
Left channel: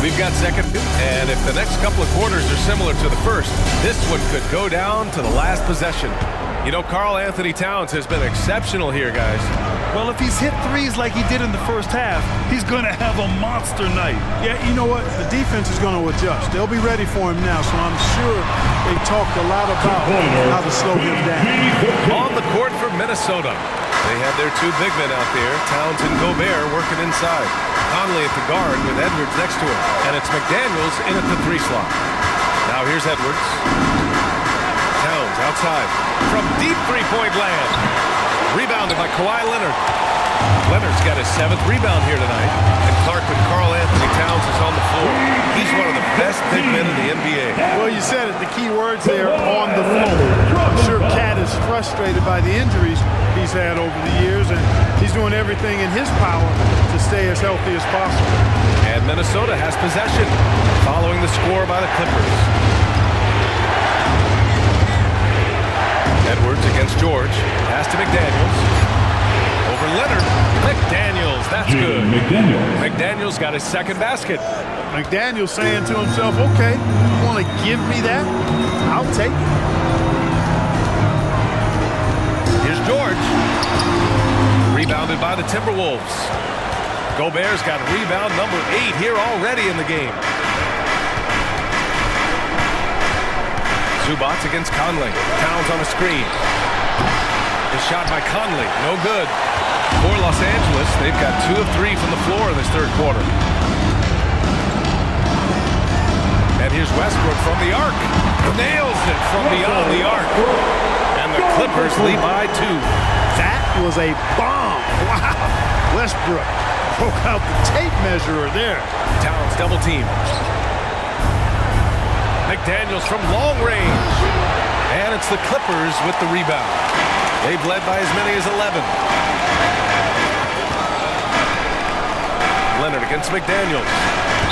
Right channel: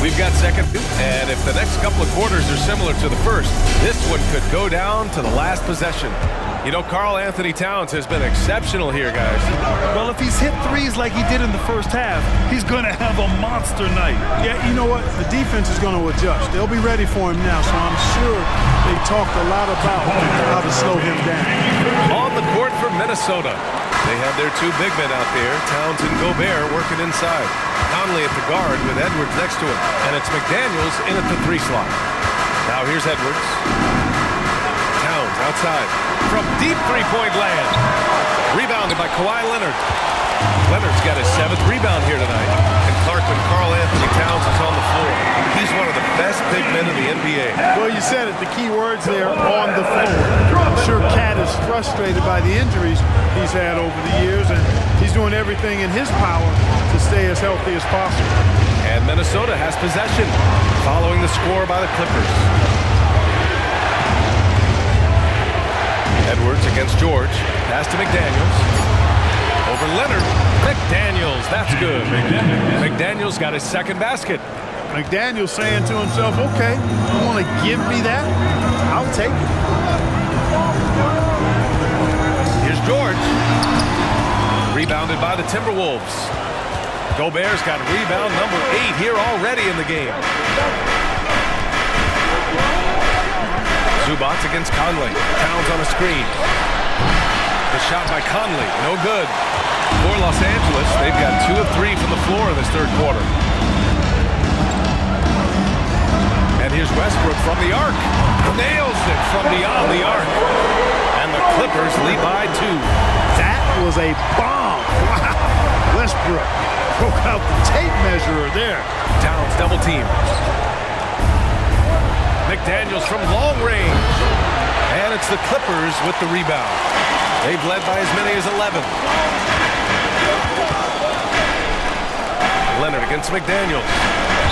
We've got second, and if the next couple of quarters are similar to the first, this one could go down to the last possession. You know, Karl Anthony Towns has been exceptional here, guys. Well, if he's hit threes like he did in the first half, he's going to have a monster night. Yeah, you know what? The defense is going to adjust. They'll be ready for him now, so I'm sure they talked a lot about how to slow him down. On the court for Minnesota, they have their two big men out there, Towns and Gobert, working inside. Conley at the guard with Edwards next to him, and it's McDaniels in at the 3 slot. Now here's Edwards. Towns outside from deep three-point land. Rebounded by Kawhi Leonard. Leonard's got his 7th rebound here tonight. And Clark, when Karl Anthony Towns is on the floor, he's one of the best big men in the NBA. Well, you said it, the key words there, on the floor. I'm sure Cat is frustrated by the injuries he's had over the years, and he's doing everything in his power to stay as healthy as possible. And Minnesota has possession, following the score by the Clippers. Edwards against George. Pass to McDaniels. Over Leonard. McDaniels, that's good. McDaniels got his 2nd basket. McDaniels saying to himself, okay, you want to give me that? I'll take it. Here's George. Rebounded by the Timberwolves. Gobert's got rebound number 8 here already in the game. Zubats against Conley. Towns on a screen. The shot by Conley, no good. For Los Angeles, they've got 2 of 3 from the floor in this 3rd quarter. And here's Westbrook from the arc. Nails it from beyond the arc. And the Clippers lead by 2. That was a bomb. Wow. Westbrook broke out the tape measurer there. Towns double team. McDaniels from long range. And it's the Clippers with the rebound. They've led by as many as 11. Leonard against McDaniels.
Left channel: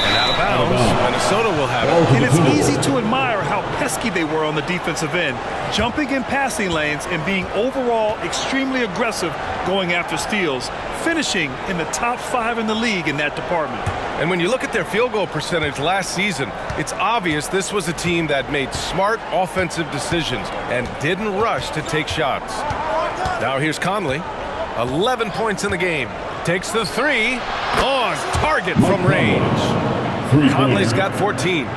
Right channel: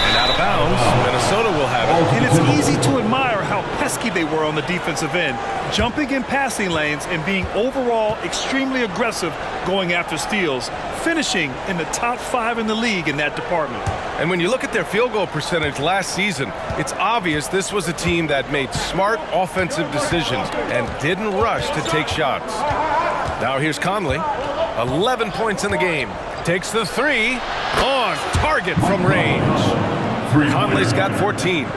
And out of bounds, Minnesota will have it. And it's easy to admire how pesky they were on the defensive end, jumping in passing lanes and being overall extremely aggressive going after steals, finishing in the top 5 in the league in that department. And when you look at their field goal percentage last season, it's obvious this was a team that made smart offensive decisions and didn't rush to take shots. Now here's Conley, 11 points in the game. Takes the 3, on target from range. Conley's got 14.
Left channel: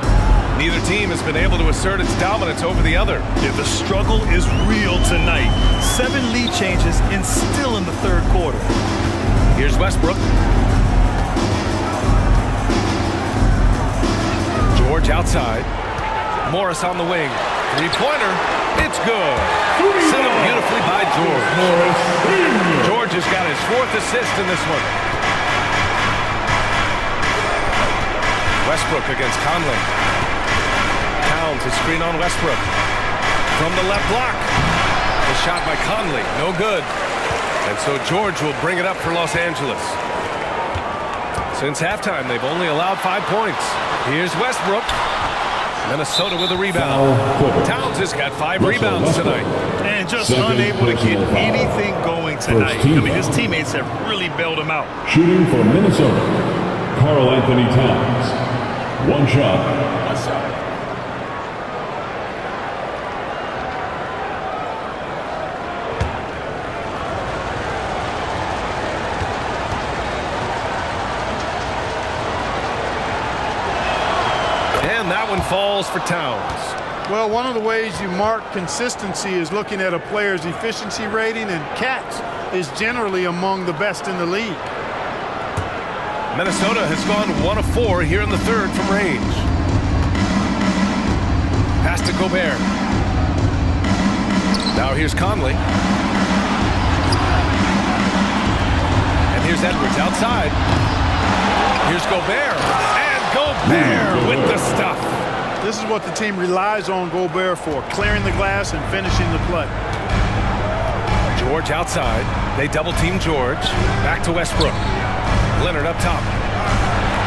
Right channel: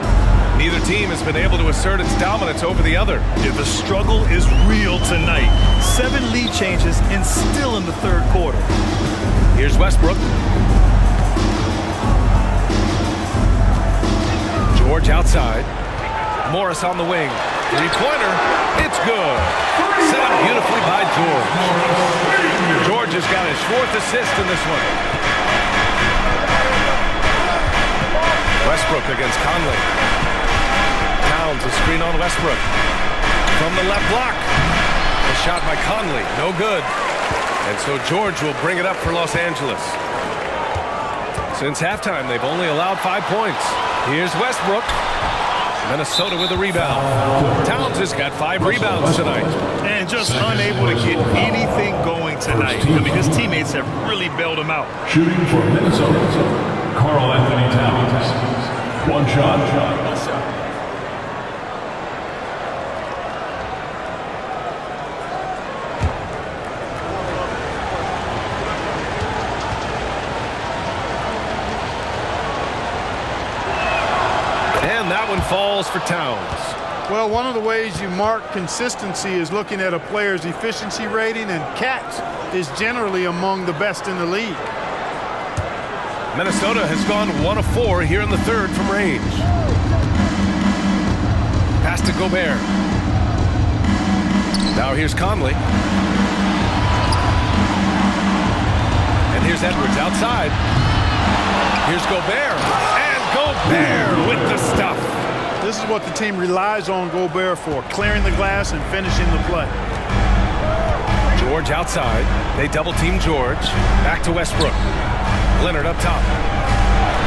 Neither team has been able to assert its dominance over the other. Yeah, the struggle is real tonight. 7 lead changes and still in the 3rd quarter. Here's Westbrook. George outside. Morris on the wing. 3-pointer. It's good. Set up beautifully by George. George has got his 4th assist in this one. Westbrook against Conley. Towns, a screen on Westbrook. From the left block. The shot by Conley, no good. And so George will bring it up for Los Angeles. Since halftime, they've only allowed 5 points. Here's Westbrook. Minnesota with a rebound. Towns has got 5 rebounds tonight. And just unable to get anything going tonight. I mean, his teammates have really bailed him out. Shooting for Minnesota, Karl Anthony Towns. 1 shot. 1 shot. And that one falls for Towns. Well, one of the ways you mark consistency is looking at a player's efficiency rating, and Katz is generally among the best in the league. Minnesota has gone 1 of 4 here in the 3rd from range. Pass to Gobert. Now here's Conley. And here's Edwards outside. Here's Gobert. And Gobert with the stuff. This is what the team relies on Gobert for, clearing the glass and finishing the play. George outside. They double team George. Back to Westbrook. Leonard up top.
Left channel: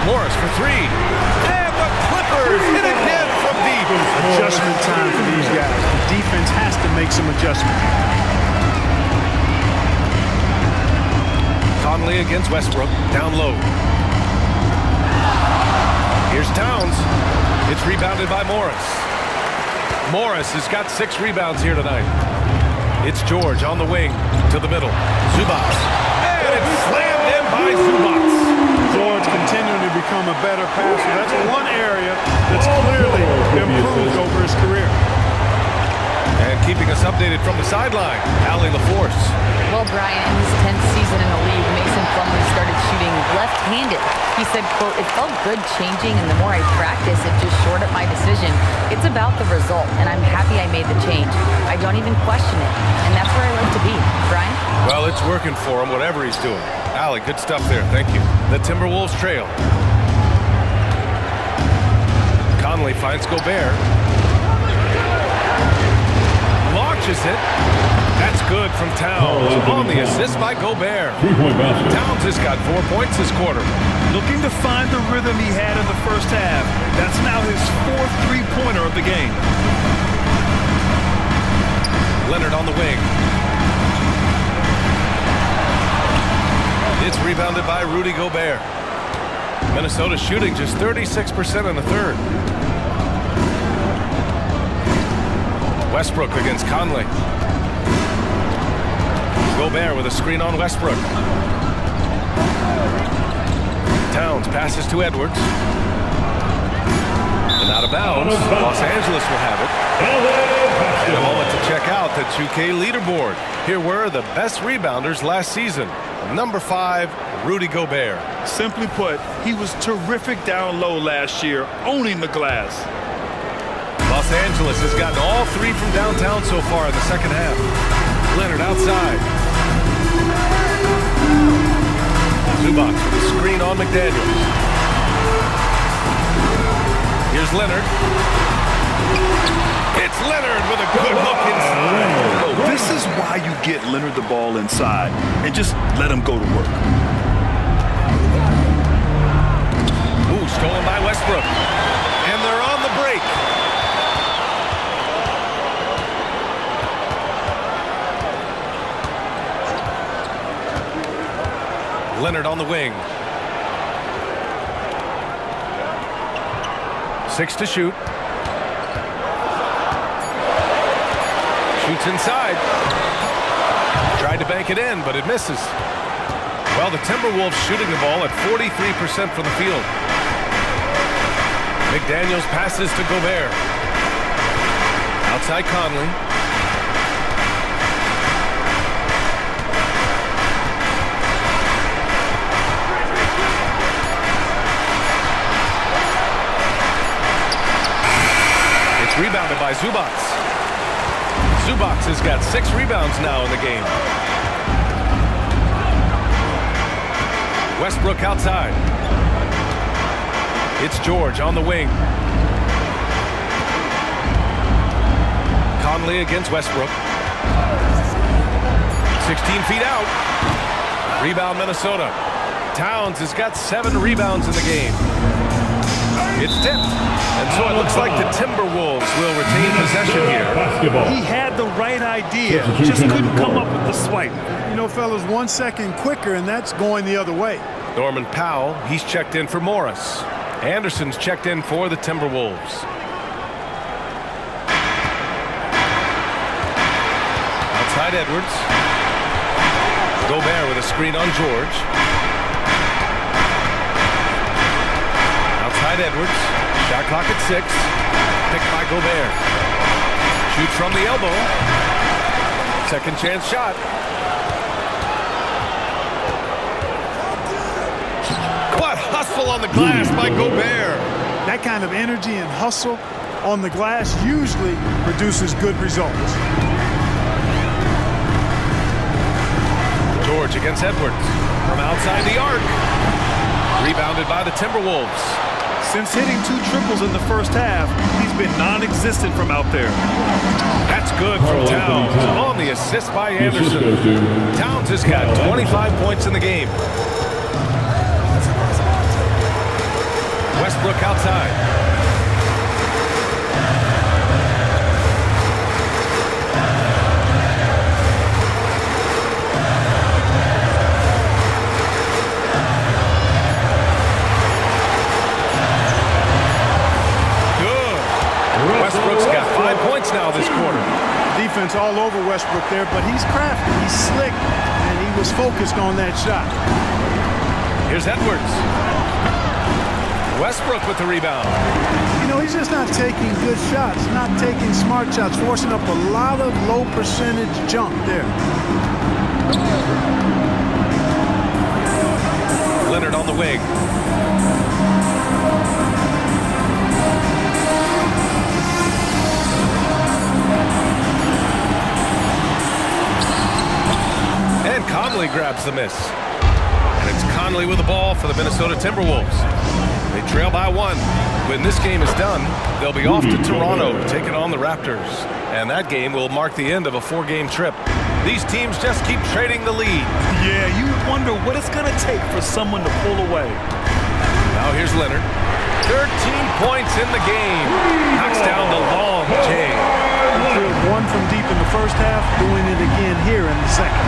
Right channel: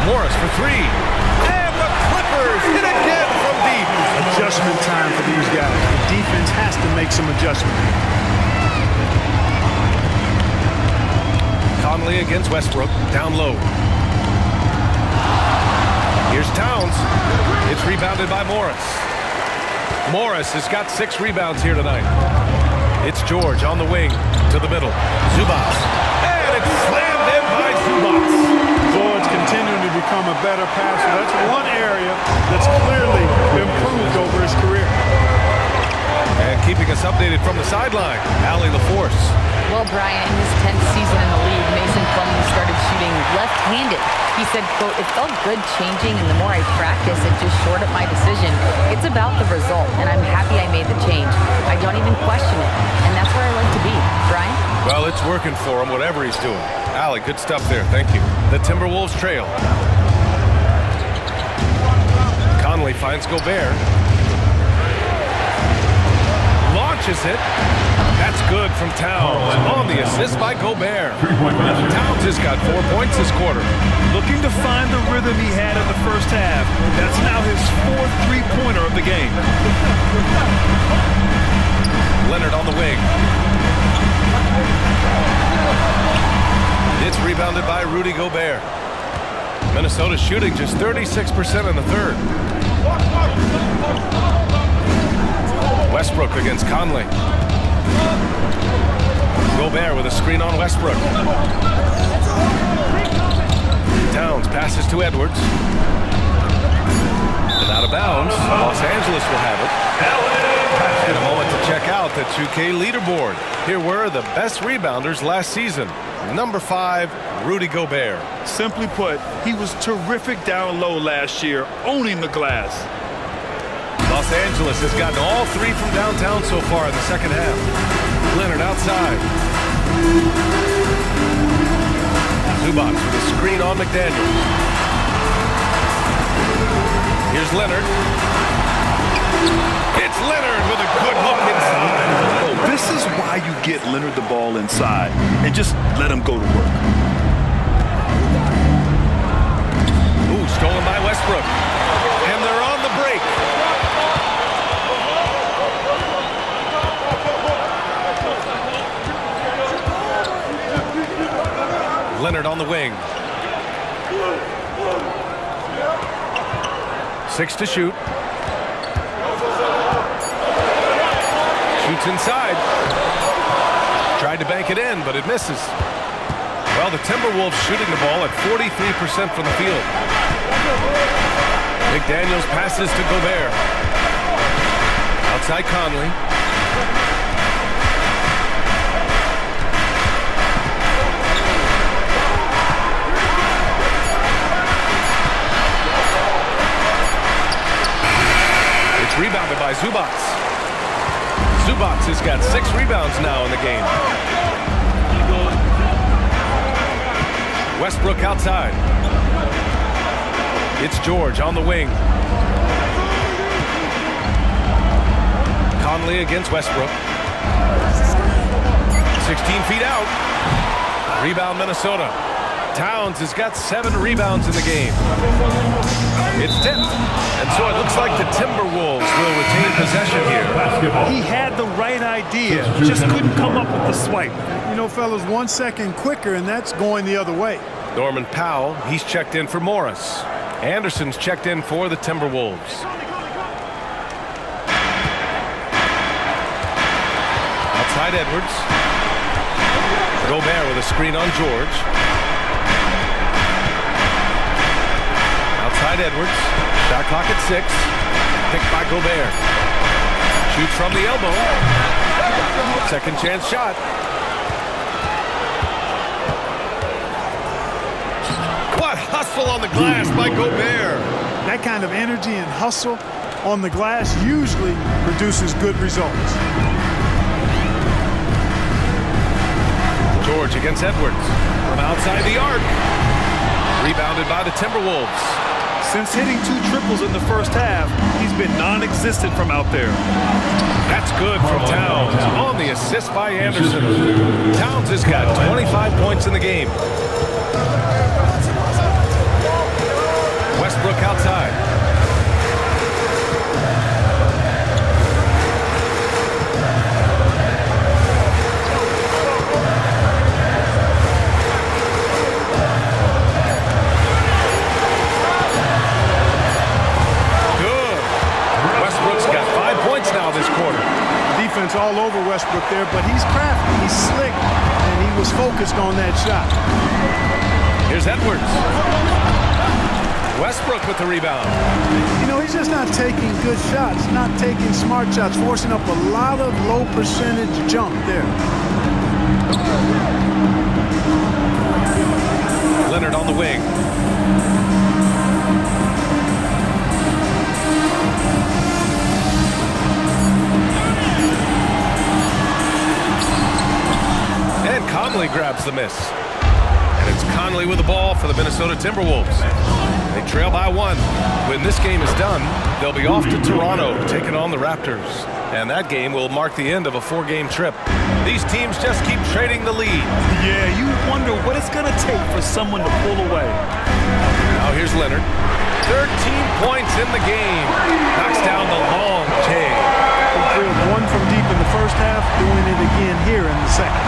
Morris for 3. And the Clippers hit again from deep. Adjustment time for these guys. The defense has to make some adjustment here. Conley against Westbrook. Down low. Here's Towns. It's rebounded by Morris. Morris has got 6 rebounds here tonight. It's George on the wing to the middle. Zubac. And it's slammed in by Zubac. George continuing to become a better passer. That's one area that's clearly improved over his career. And keeping us updated from the sideline, Allie LaForce. Well, Brian, in his 10th season in the league, Mason Plumlee started shooting left-handed. He said, quote, "It felt good changing, and the more I practice, it just shored up my decision. It's about the result, and I'm happy I made the change. I don't even question it, and that's where I like to be." Brian? Well, it's working for him, whatever he's doing. Allie, good stuff there. Thank you. The Timberwolves trail. Conley finds Gobert. Launches it. That's good from Towns on the assist by Gobert. Towns has got 4 points this quarter. Looking to find the rhythm he had in the first half. That's now his 4th three-pointer of the game. Leonard on the wing. It's rebounded by Rudy Gobert. Minnesota shooting just 36% in the third. Westbrook against Conley. Gobert with a screen on Westbrook. Towns passes to Edwards. And out of bounds, Los Angeles will have it. And a moment to check out the 2K leaderboard. Here were the best rebounders last season. Number 5, Rudy Gobert. Simply put, he was terrific down low last year, owning the glass. Los Angeles has gotten all 3 from downtown so far in the second half. Leonard outside. Zubac with a screen on McDaniels. Here's Leonard. It's Leonard with a good look inside. Oh, this is why you get Leonard the ball inside and just let him go to work. Ooh, stolen by Westbrook. And they're on the break. Leonard on the wing. 6 to shoot. Shoots inside. Tried to bank it in, but it misses. Well, the Timberwolves shooting the ball at 43% from the field. McDaniels passes to Gobert. Outside Conley. It's rebounded by Zubac. Zubac has got 6 rebounds now in the game. Westbrook outside. It's George on the wing. Conley against Westbrook. 16 feet out. Rebound Minnesota. Towns has got 7 rebounds in the game. It's tipped. And so it looks like the Timberwolves will retain possession here. He had the right idea, just couldn't come up with the swipe. You know, fellas, 1 second quicker, and that's going the other way. Norman Powell, he's checked in for Morris. Anderson's checked in for the Timberwolves. Outside Edwards. Gobert with a screen on George. Outside Edwards. Shot clock at 6. Picked by Gobert. Shoots from the elbow. Second chance shot. What hustle on the glass by Gobert. That kind of energy and hustle on the glass usually produces good results. George against Edwards. From outside the arc. Rebounded by the Timberwolves. Since hitting 2 triples in the first half, he's been non-existent from out there. That's good from Towns on the assist by Anderson. Towns has got 25 points in the game. Westbrook outside. Westbrook's got 5 points now this quarter. Defense all over Westbrook there, but he's crafty, he's slick, and he was focused on that shot. Here's Edwards. Westbrook with the rebound. You know, he's just not taking good shots, not taking smart shots, forcing up a lot of low percentage jump there. Leonard on the wing. And Conley grabs the miss. And it's Conley with the ball for the Minnesota Timberwolves. They trail by 1. When this game is done, they'll be off to Toronto, taking on the Raptors. And that game will mark the end of a 4-game trip. These teams just keep trading the lead. Yeah, you wonder what it's going to take for someone to pull away. Now here's Leonard. 13 points in the game. Knocks down the long J. He drilled 1 from deep in the first half, doing it again here in the second.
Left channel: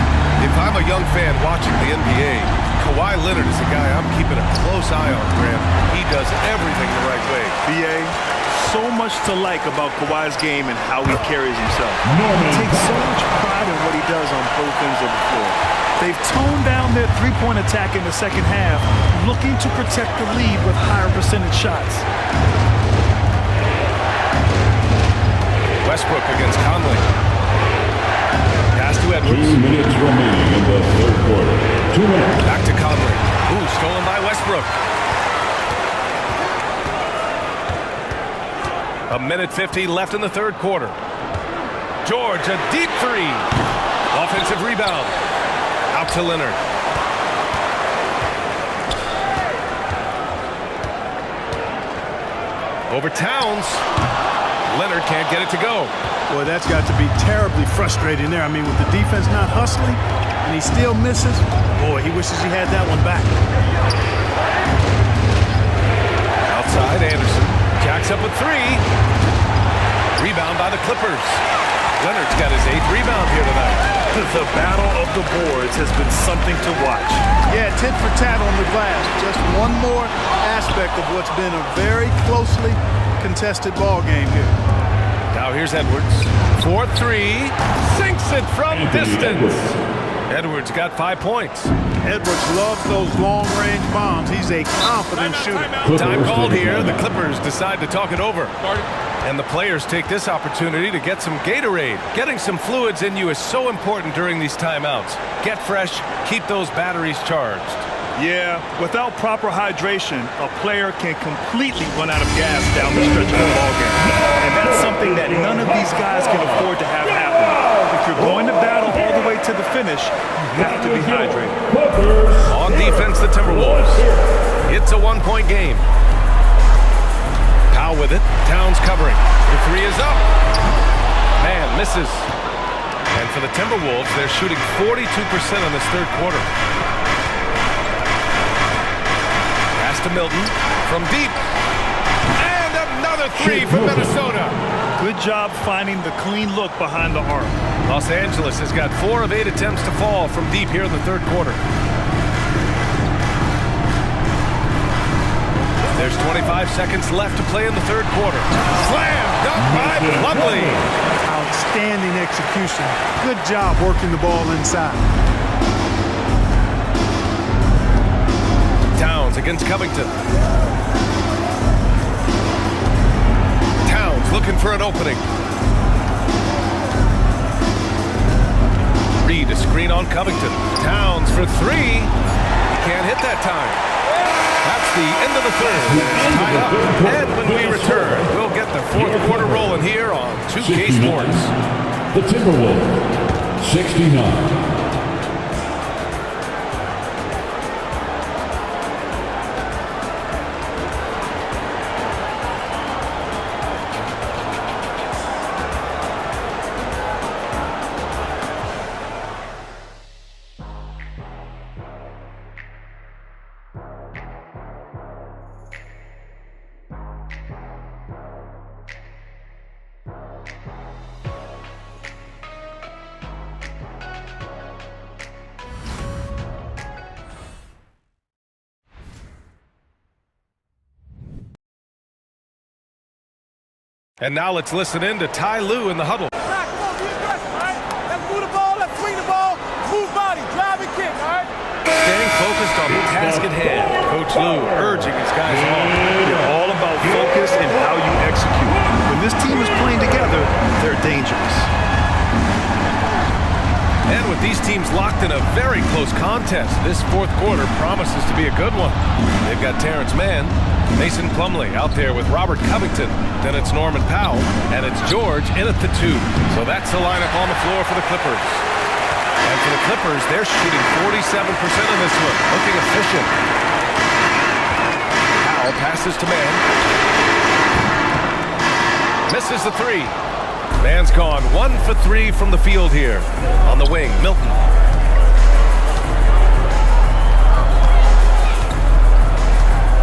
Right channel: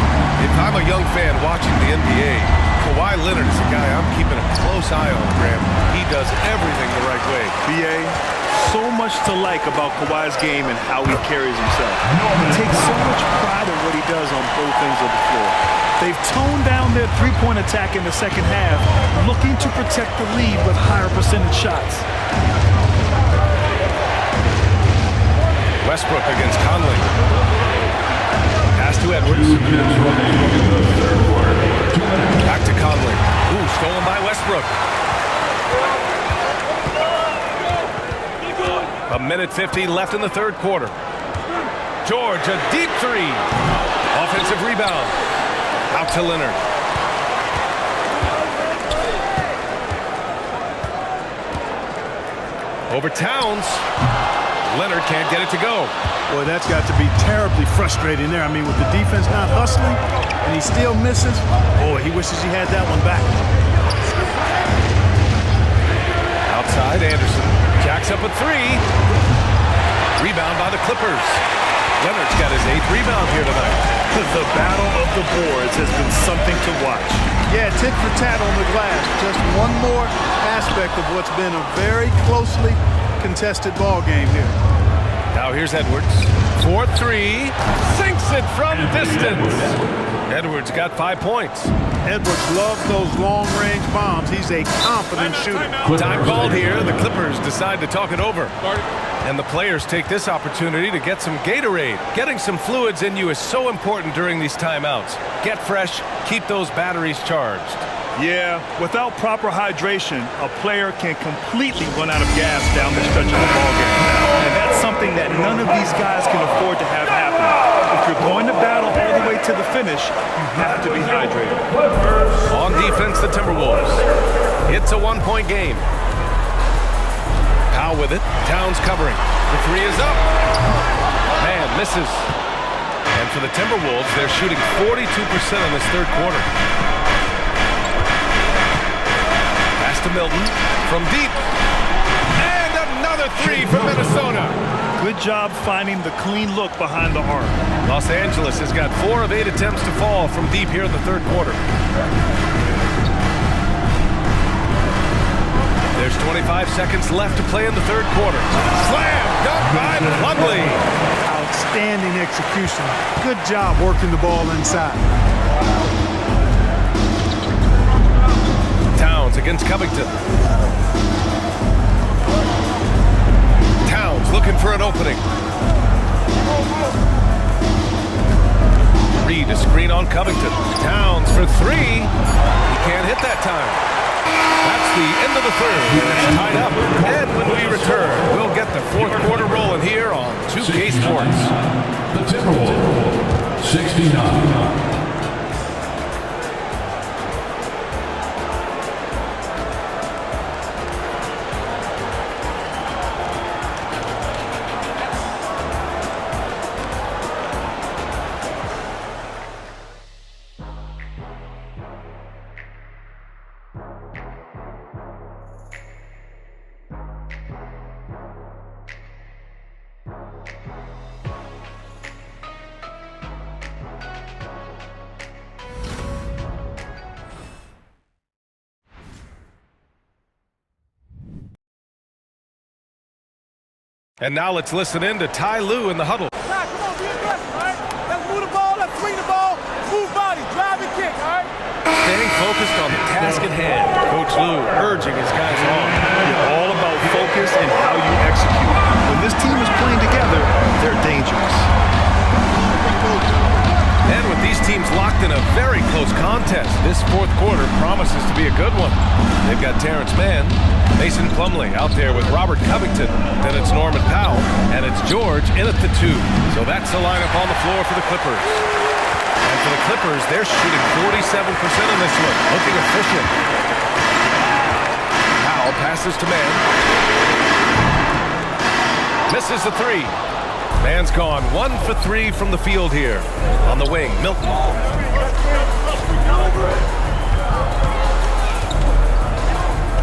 If I'm a young fan watching the NBA, Kawhi Leonard is a guy I'm keeping a close eye on, Graham. He does everything the right way. BA, so much to like about Kawhi's game and how he carries himself. He takes so much pride in what he does on both ends of the floor. They've toned down their three-point attack in the second half, looking to protect the lead with higher percentage shots. Westbrook against Conley. Pass to Edwards. 2 minutes remaining in the third quarter. 2 minutes. Back to Conley. Ooh, stolen by Westbrook. 1:50 left in the third quarter. George, a deep 3. Offensive rebound. Out to Leonard. Over Towns. Leonard can't get it to go. Boy, that's got to be terribly frustrating there. I mean, with the defense not hustling and he still misses, boy, he wishes he had that one back. Outside, Anderson jacks up a 3. Rebound by the Clippers. Leonard's got his 8th rebound here tonight. The battle of the boards has been something to watch. Yeah, tit for tat on the glass. Just one more aspect of what's been a very closely contested ball game here. Now here's Edwards. 4-3. Sinks it from distance. Edwards got 5 points. Edwards loves those long-range bombs. He's a confident shooter. Time called here. The Clippers decide to talk it over. And the players take this opportunity to get some Gatorade. Getting some fluids in you is so important during these timeouts. Get fresh, keep those batteries charged. Yeah, without proper hydration, a player can completely run out of gas down the stretch of a ball game. And that's something that none of these guys can afford to have happen. If you're going to battle all the way to the finish, you have to be hydrated. On defense, the Timberwolves. It's a 1-point game. Powell with it. Towns covering. The 3 is up. Man, misses. And for the Timberwolves, they're shooting 42% in this third quarter. Pass to Milton from deep. And another 3 from Minnesota. Good job finding the clean look behind the arc. Los Angeles has got 4 of 8 attempts to fall from deep here in the third quarter. There's 25 seconds left to play in the third quarter. Slam dunk by Plumlee. Outstanding execution. Good job working the ball inside. Towns against Covington. Towns looking for an opening. Reed a screen on Covington. Towns for 3. He can't hit that time. That's the end of the third, and it's tied up. And when we return, we'll get the fourth quarter rolling here on 2K Sports. The Timberwolves, 69. And now let's listen in to Ty Lue in the huddle. staying focused on the task at hand. Coach Lou urging his guys on. It's all about focus and how you execute. When this team is playing together, they're dangerous. And with these teams locked in a very close contest, this fourth quarter promises to be a good one. They've got Terrence Mann, Mason Plumlee out there with Robert Covington. Then it's Norman Powell, and it's George in at the 2. So that's the lineup on the floor for the Clippers. And for the Clippers, they're shooting 47% in this one, looking efficient. Powell passes to Mann. Misses the 3. Mann's gone 1 for 3 from the field here. On the wing, Milton.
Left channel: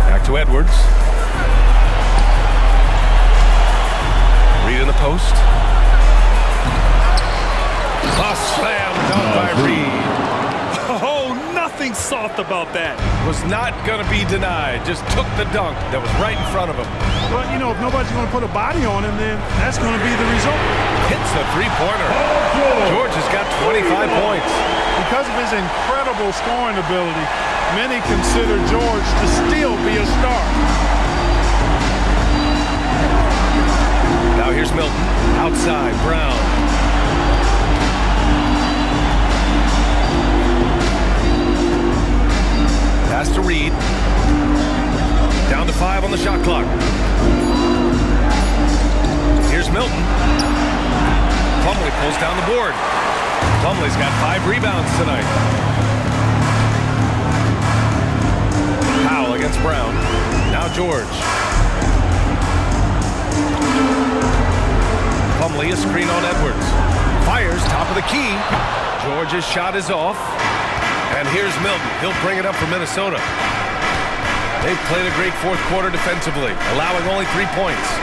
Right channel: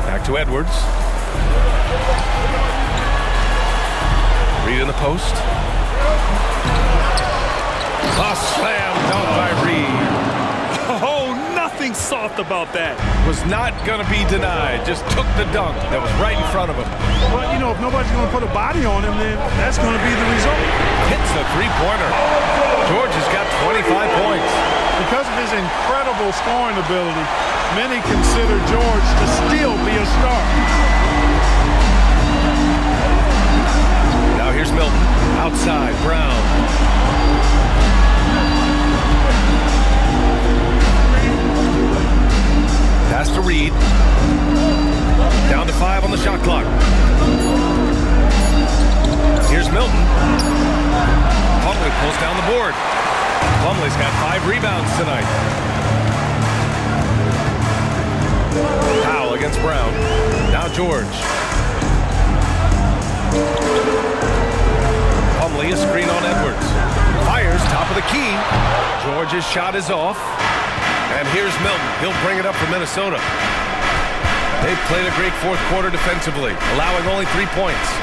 Back to Edwards. Reed in the post. A slam dunk by Reed. Oh, nothing soft about that. Was not going to be denied. Just took the dunk that was right in front of him. Well, you know, if nobody's going to put a body on him, then that's going to be the result. Hits the three-pointer. George has got 25 points. Because of his incredible scoring ability, many consider George to still be a star. Now here's Milton. Outside, Brown. Pass to Reed. Down to 5 on the shot clock. Here's Milton. Plumlee pulls down the board. Plumlee's got 5 rebounds tonight. Powell against Brown. Now George. Plumlee a screen on Edwards. Fires top of the key. George's shot is off. And here's Milton. He'll bring it up for Minnesota. They've played a great fourth quarter defensively, allowing only 3 points.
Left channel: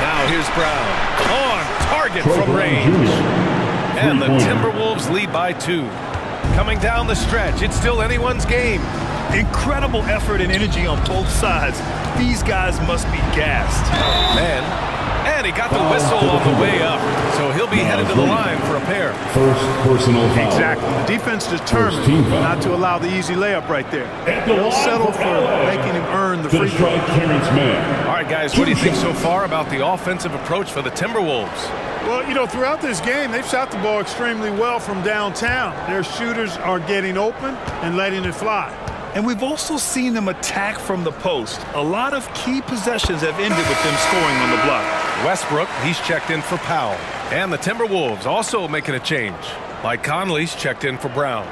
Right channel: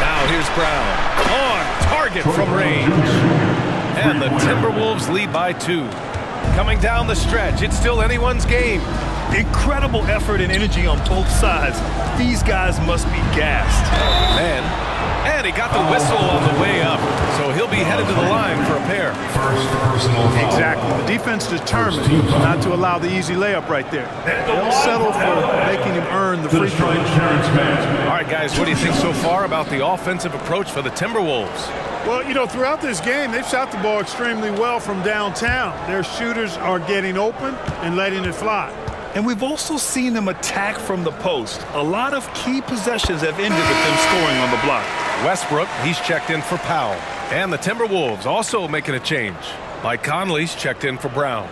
Now here's Brown. On target from range. And the Timberwolves lead by 2. Coming down the stretch, it's still anyone's game. Incredible effort and energy on both sides. These guys must be gassed. Man. And he got the whistle on the way up. So he'll be headed to the line for a pair. First personal foul. Exactly. The defense determined not to allow the easy layup right there. They'll settle for making him earn the free throw. All right, guys, what do you think so far about the offensive approach for the Timberwolves? Well, you know, throughout this game, they've shot the ball extremely well from downtown. Their shooters are getting open and letting it fly. And we've also seen them attack from the post. A lot of key possessions have ended with them scoring on the block. Westbrook, he's checked in for Powell. And the Timberwolves also making a change. Mike Conley's checked in for Brown.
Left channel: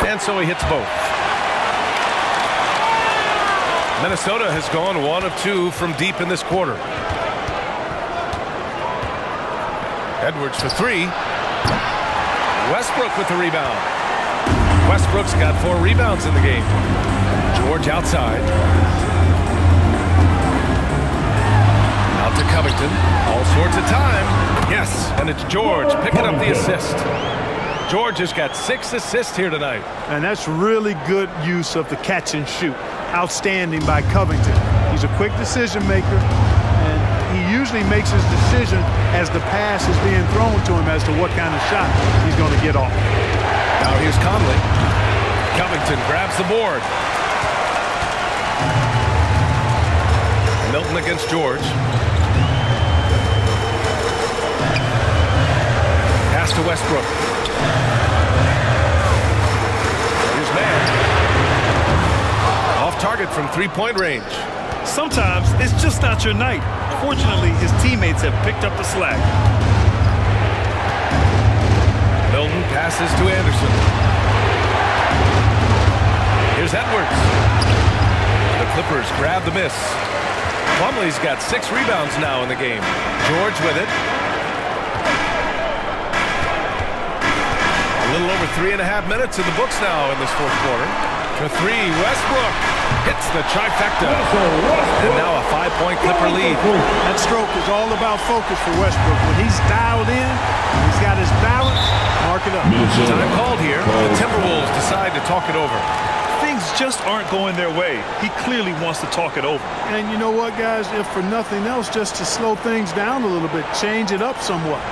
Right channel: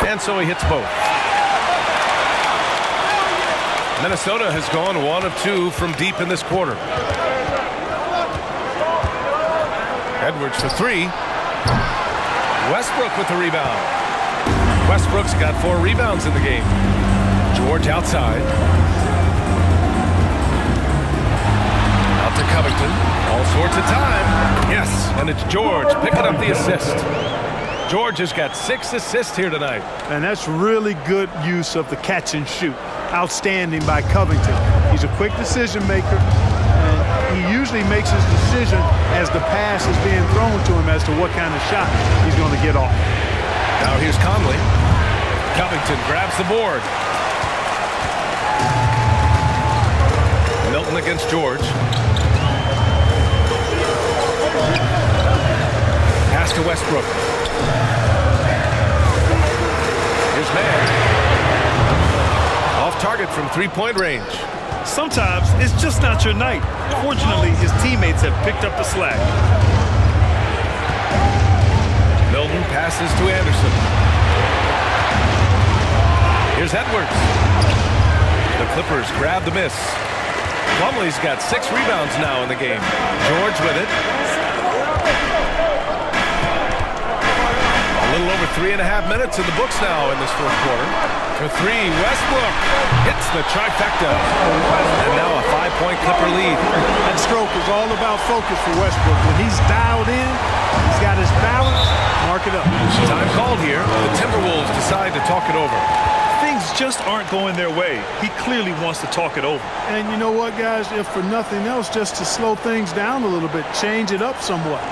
And so he hits both. Minnesota has gone 1 of 2 from deep in this quarter. Edwards for 3. Westbrook with the rebound. Westbrook's got 4 rebounds in the game. George outside. Out to Covington. All sorts of time. Yes, and it's George picking up the assist. George has got 6 assists here tonight. And that's really good use of the catch and shoot. Outstanding by Covington. He's a quick decision maker, and he usually makes his decision as the pass is being thrown to him as to what kind of shot he's going to get off. Now here's Conley. Covington grabs the board. Milton against George. Pass to Westbrook. Here's Mann. Off target from 3-point range. Sometimes it's just not your night. Fortunately, his teammates have picked up the slack. Milton passes to Anderson. Here's Edwards. The Clippers grab the miss. Plumlee's got 6 rebounds now in the game. George with it. A little over 3.5 minutes in the books now in this fourth quarter. For 3, Westbrook hits the trifecta. And now a 5-point Clipper lead. That stroke is all about focus for Westbrook. When he's dialed in, he's got his balance, mark it up. Time called here. The Timberwolves decide to talk it over. things just aren't going their way, he clearly wants to talk it over. And you know what, guys? If for nothing else, just to slow things down a little bit, change it up somewhat.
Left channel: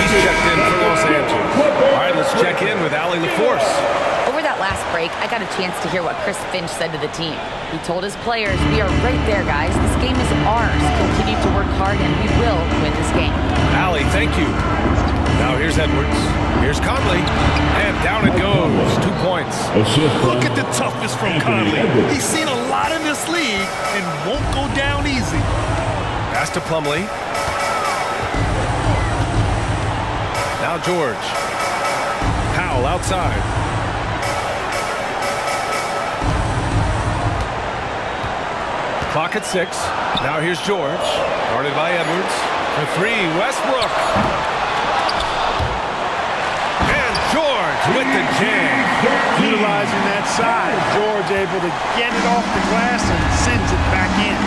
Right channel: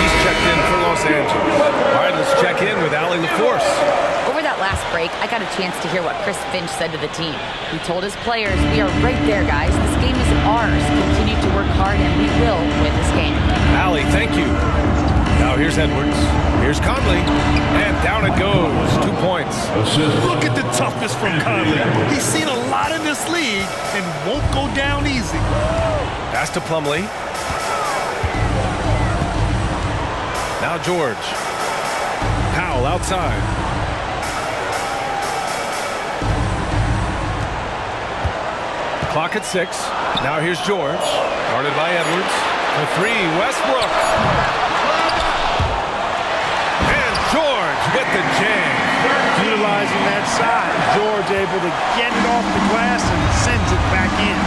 He's checked in for Los Angeles. All right, let's check in with Allie LaForce. Over that last break, I got a chance to hear what Chris Finch said to the team. He told his players, "We are right there, guys. This game is ours. Continue to work hard, and we will win this game." Allie, thank you. Now here's Edwards. Here's Conley. And down it goes. 2 points. Look at the toughness from Conley. He's seen a lot in this league and won't go down easy. Pass to Plumlee. Now George. Powell outside. Clock at 6. Now here's George. Guarded by Edwards. For 3, Westbrook. And George with the jam. Utilizing that side, George able to get it off the glass and sends it back in.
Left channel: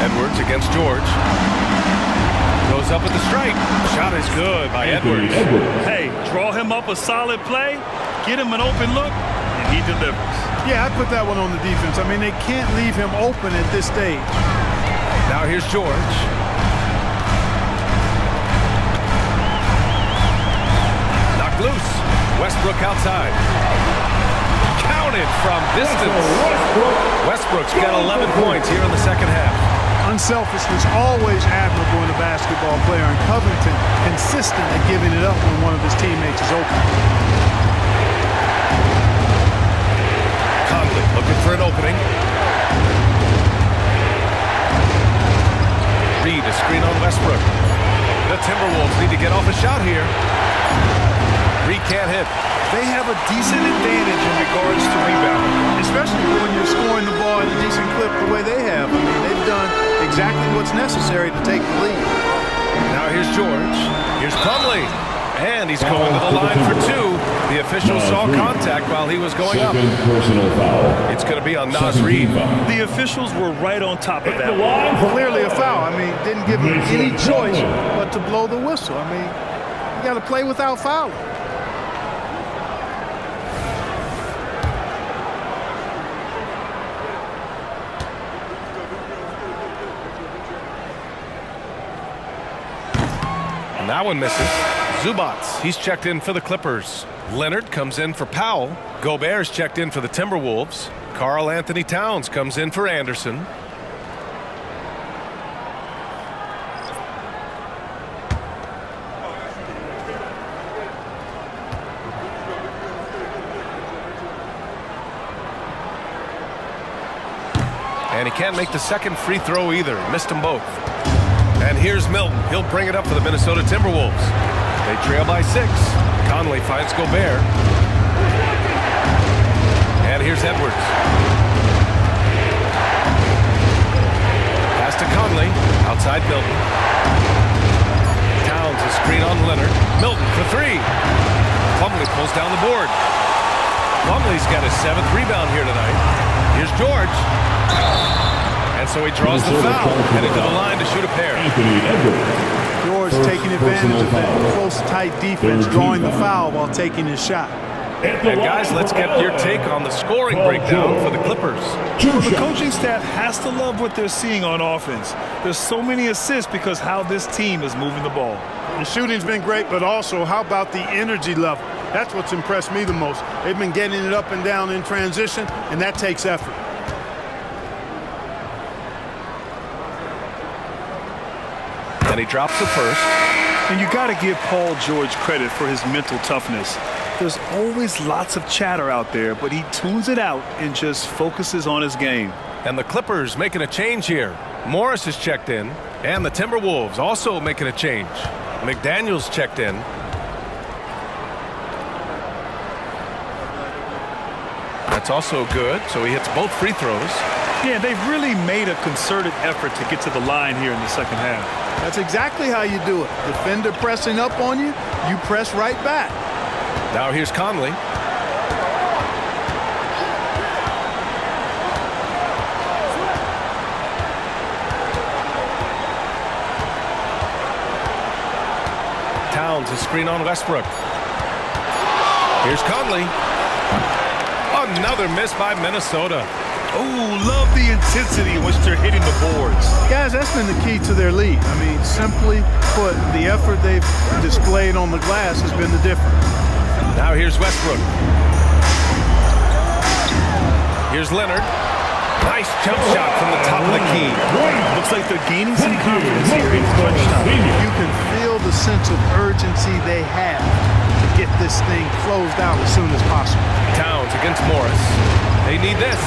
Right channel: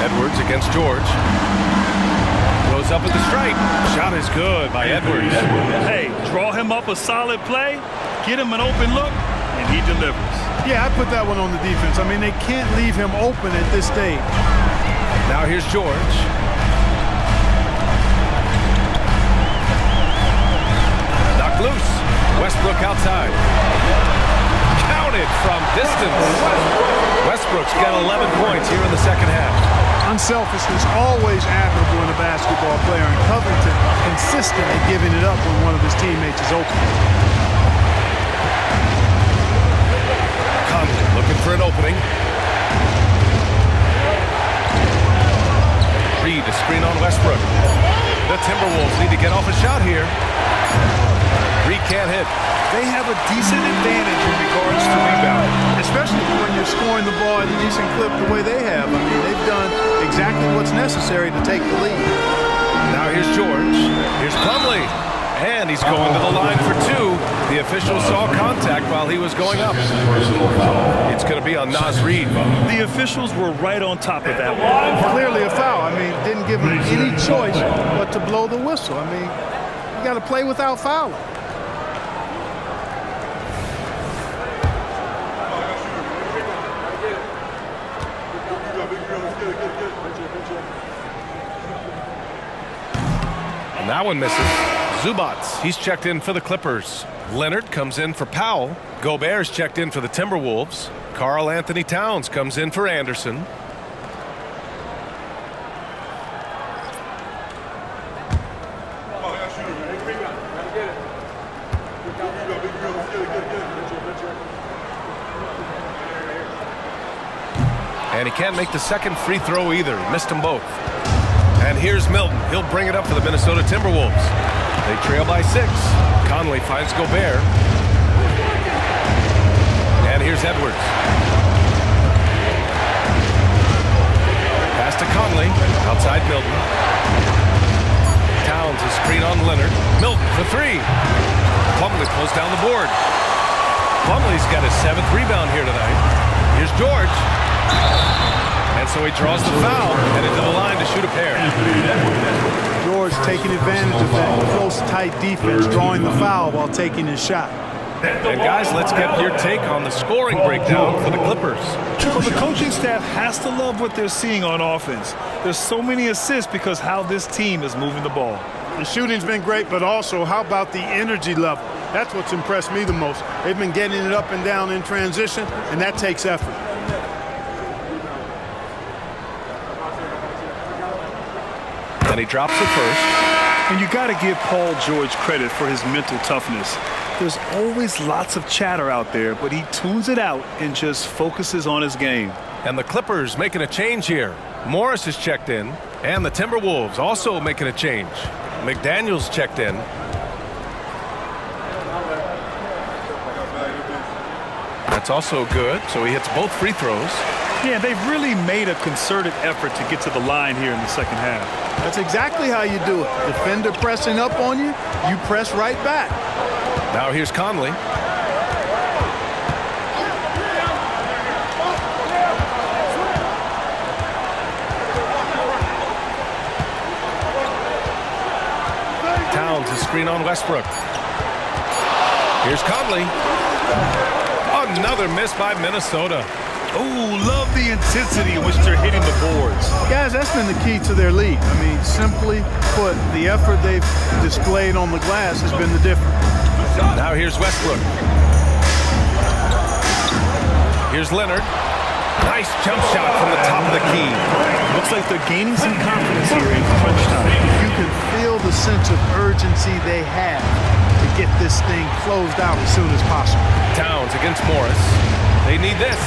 Edwards against George. Goes up at the stripe. Shot is good by Edwards. Hey, draw him up a solid play, get him an open look, and he delivers. Yeah, I put that one on the defense. I mean, they can't leave him open at this stage. Now here's George. Knocked loose. Westbrook outside. Counted from distance. Westbrook's got 11 points here in the second half. Unselfishness, always admirable in a basketball player, and Covington consistent at giving it up when one of his teammates is open. Conley looking for an opening. Reed a screen on Westbrook. The Timberwolves need to get off a shot here. Reed can't hit. They have a decent advantage in regards to rebounding. Especially when you're scoring the ball at a decent clip the way they have. I mean, they've done exactly what's necessary to take the lead. Now here's George. Here's Plumlee. And he's going to the line for 2. The official saw contact while he was going up. It's going to be on Naz Reid. The officials were right on top of that one. Clearly a foul. I mean, didn't give him any choice but to blow the whistle. I mean, you got to play without fouling. And that one misses. Zubats, he's checked in for the Clippers. Leonard comes in for Powell. Gobert's checked in for the Timberwolves. Karl Anthony Towns comes in for Anderson. And he can't make the second free throw either. He missed them both. And here's Milton. He'll bring it up for the Minnesota Timberwolves. They trail by 6. Conley finds Gobert. And here's Edwards. Pass to Conley. Outside Milton. Towns a screen on Leonard. Milton for 3. Plumlee pulls down the board. Plumlee's got his 7th rebound here tonight. Here's George. And so he draws the foul, headed to the line to shoot a pair. George taking advantage of that close, tight defense, drawing the foul while taking his shot. And guys, let's get your take on the scoring breakdown for the Clippers. Well, the coaching staff has to love what they're seeing on offense. There's so many assists because how this team is moving the ball. The shooting's been great, but also how about the energy level? That's what's impressed me the most. They've been getting it up and down in transition, and that takes effort. And he drops the first. And you got to give Paul George credit for his mental toughness. There's always lots of chatter out there, but he tunes it out and just focuses on his game. And the Clippers making a change here. Morris is checked in, and the Timberwolves also making a change. McDaniels checked in. That's also good, so he hits both free throws. Yeah, they've really made a concerted effort to get to the line here in the second half. That's exactly how you do it. Defender pressing up on you, you press right back. Now here's Conley. finds a screen on Westbrook. Here's Conley. Another miss by Minnesota. Oh, love the intensity in which they're hitting the boards. Guys, that's been the key to their lead. I mean, simply put, the effort they've displayed on the glass has been the difference. Now here's Westbrook. Here's Leonard. Nice jump shot from the top of the key. Looks like they're gaining some confidence here in crunch time. You can feel the sense of urgency they have to get this thing closed out as soon as possible. Towns against Morris. They need this.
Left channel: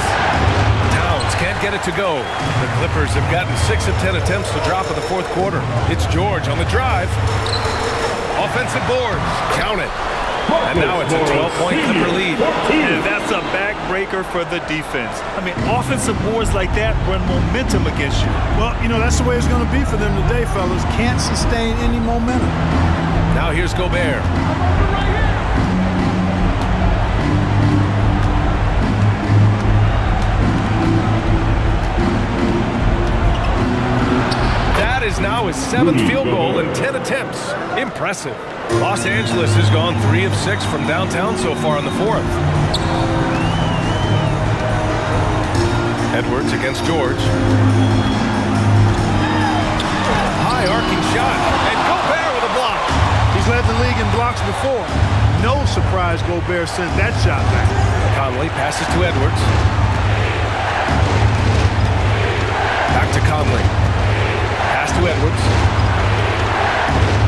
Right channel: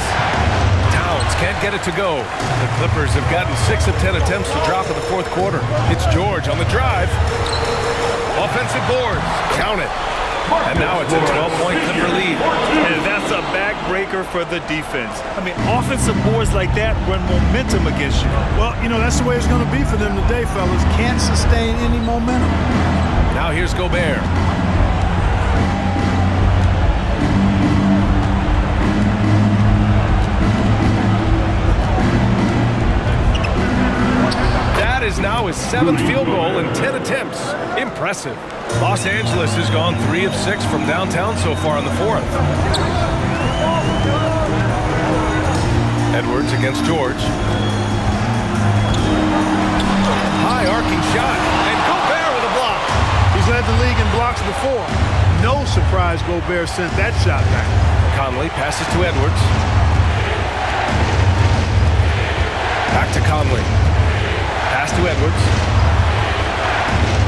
Towns can't get it to go. The Clippers have gotten 6 of 10 attempts to drop in the fourth quarter. It's George on the drive. Offensive board. Count it. And now it's a 12-point Clipper lead. And that's a backbreaker for the defense. I mean, offensive boards like that run momentum against you. Well, you know, that's the way it's going to be for them today, fellas. Can't sustain any momentum. Now here's Gobert. That is now his 7th field goal in 10 attempts. Impressive. Los Angeles has gone 3 of 6 from downtown so far in the fourth. Edwards against George. High arcing shot, and Gobert with a block. He's led the league in blocks before. No surprise Gobert sent that shot back. Conley passes to Edwards. Back to Conley. Pass to Edwards.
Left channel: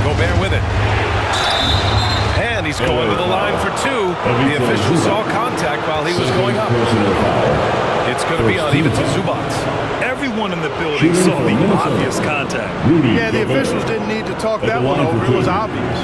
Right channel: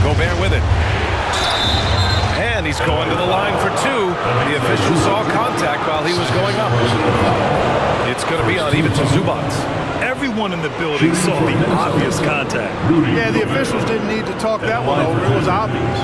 Gobert with it. And he's going to the line for 2. The official saw contact while he was going up. It's going to be on even to Zubac. Everyone in the building saw the obvious contact. Yeah, the officials didn't need to talk that one over. It was obvious.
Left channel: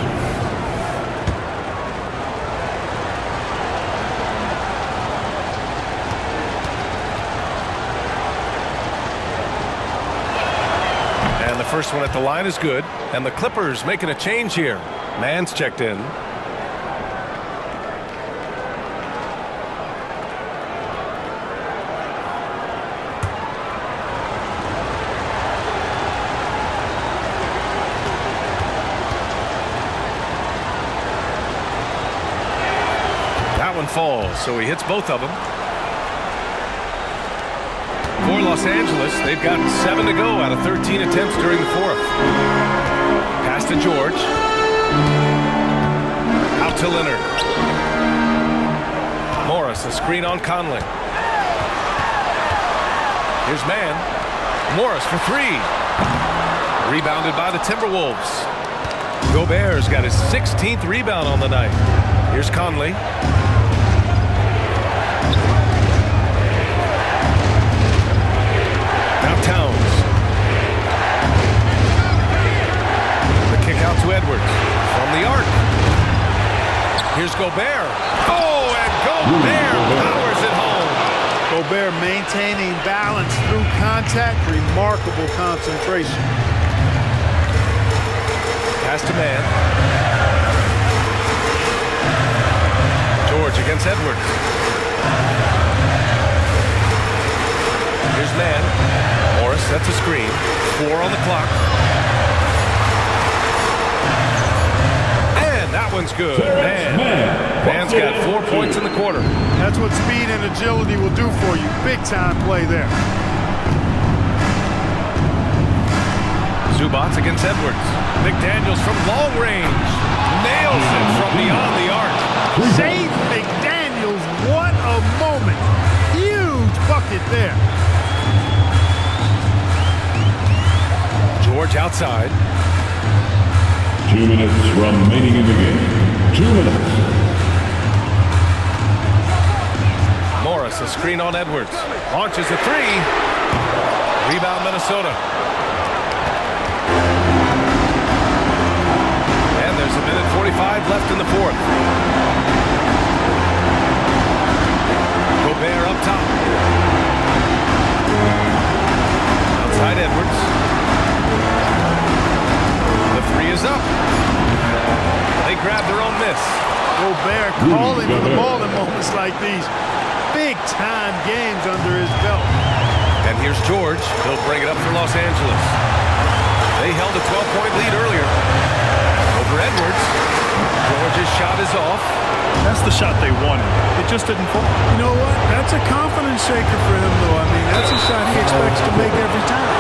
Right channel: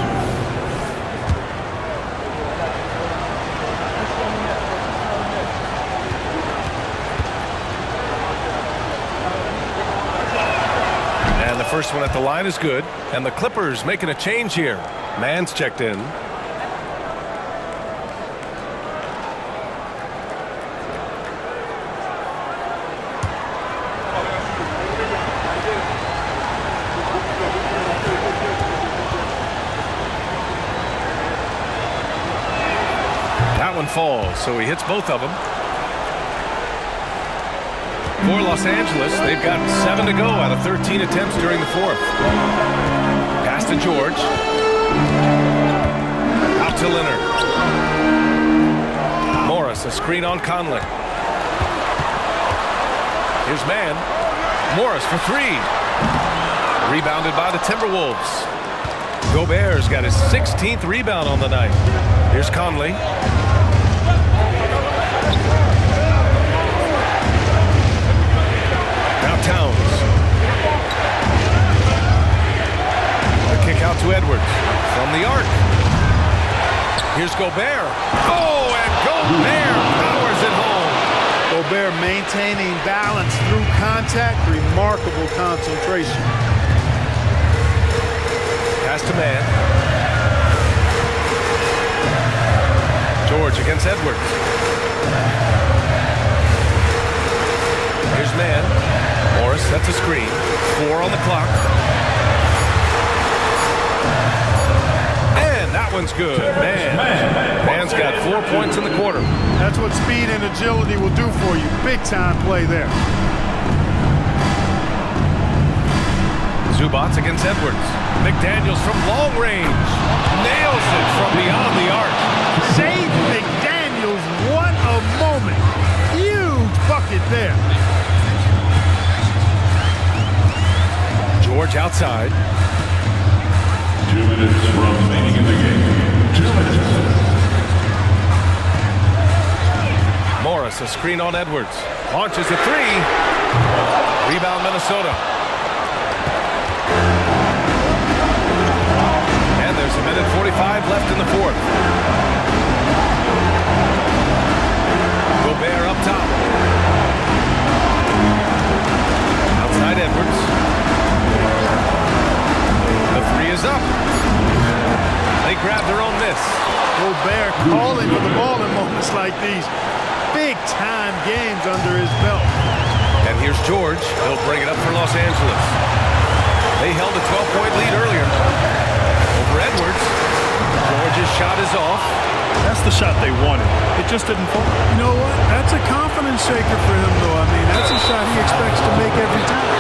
And the first one at the line is good. And the Clippers making a change here. Mann's checked in. That one falls, so he hits both of them. For Los Angeles, they've got 7 to go out of 13 attempts during the fourth. Pass to George. Out to Leonard. Morris, a screen on Conley. Here's Mann. Morris for 3. Rebounded by the Timberwolves. Gobert's got his 16th rebound on the night. Here's Conley. Now Towns. The kick out to Edwards. From the arc. Here's Gobert. Oh, and Gobert powers it home. Gobert maintaining balance through contact. Remarkable concentration. Pass to Mann. George against Edwards. Here's Mann. Morris sets a screen. 4 on the clock. And that one's good. Mann's got 4 points in the quarter. That's what speed and agility will do for you. Big time play there. Zubac against Edwards. McDaniels from long range. Nails it from beyond the arc. Save McDaniels. What a moment. Huge bucket there. George outside. 2 minutes remaining in the game. 2 minutes. Morris, a screen on Edwards. Launches a 3. Rebound Minnesota. And there's a minute 45 left in the fourth. Gobert up top. Outside Edwards. The 3 is up. They grab their own miss. Gobert calling for the ball in moments like these. Big-time games under his belt. And here's George. He'll bring it up for Los Angeles. They held a 12-point lead earlier. for Edwards. George's shot is off. That's the shot they wanted. It just didn't fall. You know what? That's a confidence shaker for him, though. I mean, that's a shot he expects to make every time.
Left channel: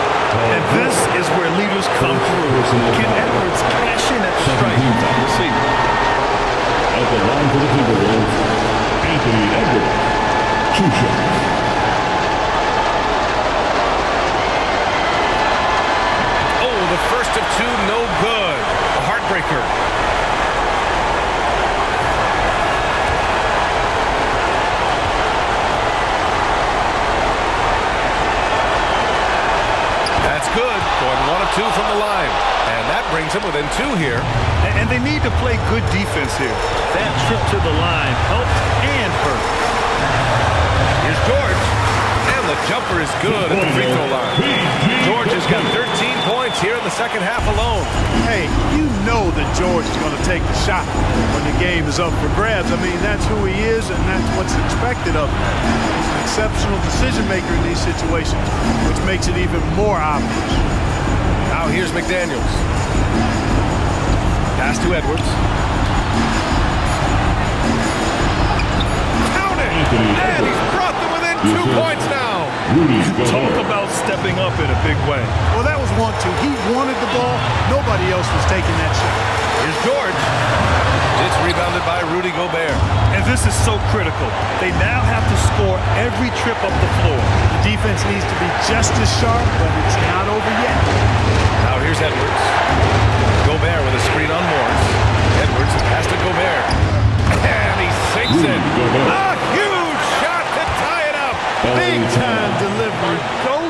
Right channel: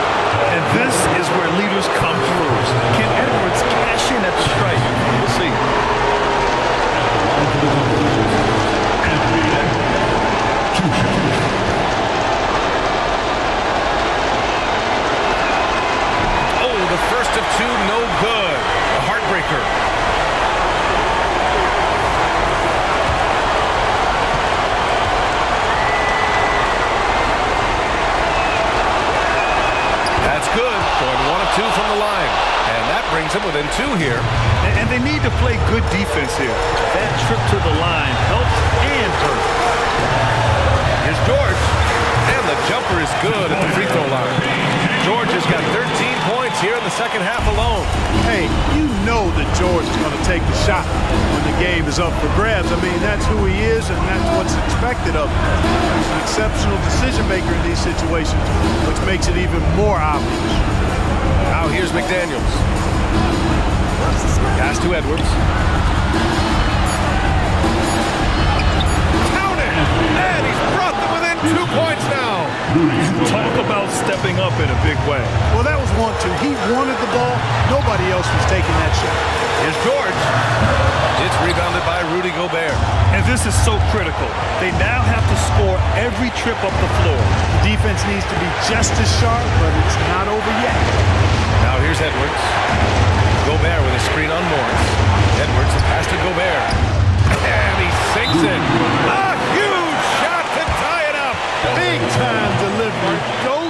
And this is where leaders come through. Can Edwards cash in at the strike? We'll see. At the line for the Timberwolves, Anthony Edwards. 2 shots. Oh, the first of 2, no good. A heartbreaker. That's good. Going 1 of 2 from the line. And that brings him within 2 here. And they need to play good defense here. That trip to the line helped and hurt. Here's George. And the jumper is good at the free throw line. George has got 13 points here in the second half alone. Hey, you know that George is going to take the shot when the game is up for grabs. I mean, that's who he is, and that's what's expected of him. He's an exceptional decision maker in these situations, which makes it even more obvious. Now here's McDaniels. Pass to Edwards. Count it! And he's brought them within 2 points now. Talk about stepping up in a big way. Well, that was 1-2. He wanted the ball. Nobody else was taking that shot. Here's George. It's rebounded by Rudy Gobert. And this is so critical. They now have to score every trip up the floor. The defense needs to be just as sharp, but it's not over yet. Now here's Edwards. Gobert with a screen on Morris. Edwards, the pass to Gobert. And he sinks it. A huge shot to tie it up. Big time delivery. Go,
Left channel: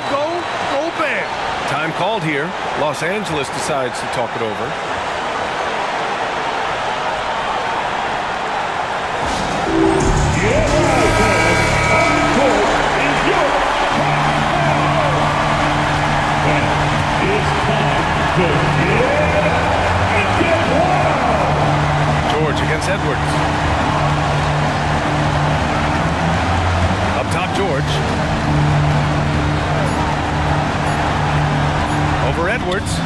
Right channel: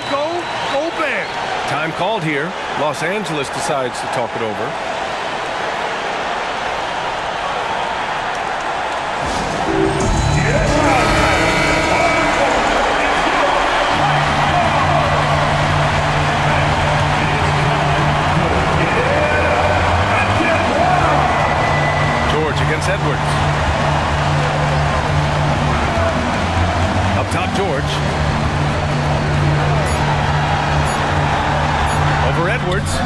Gobert. Time called here. Los Angeles decides to talk it over. George against Edwards. Up top, George. Over Edwards. Oh,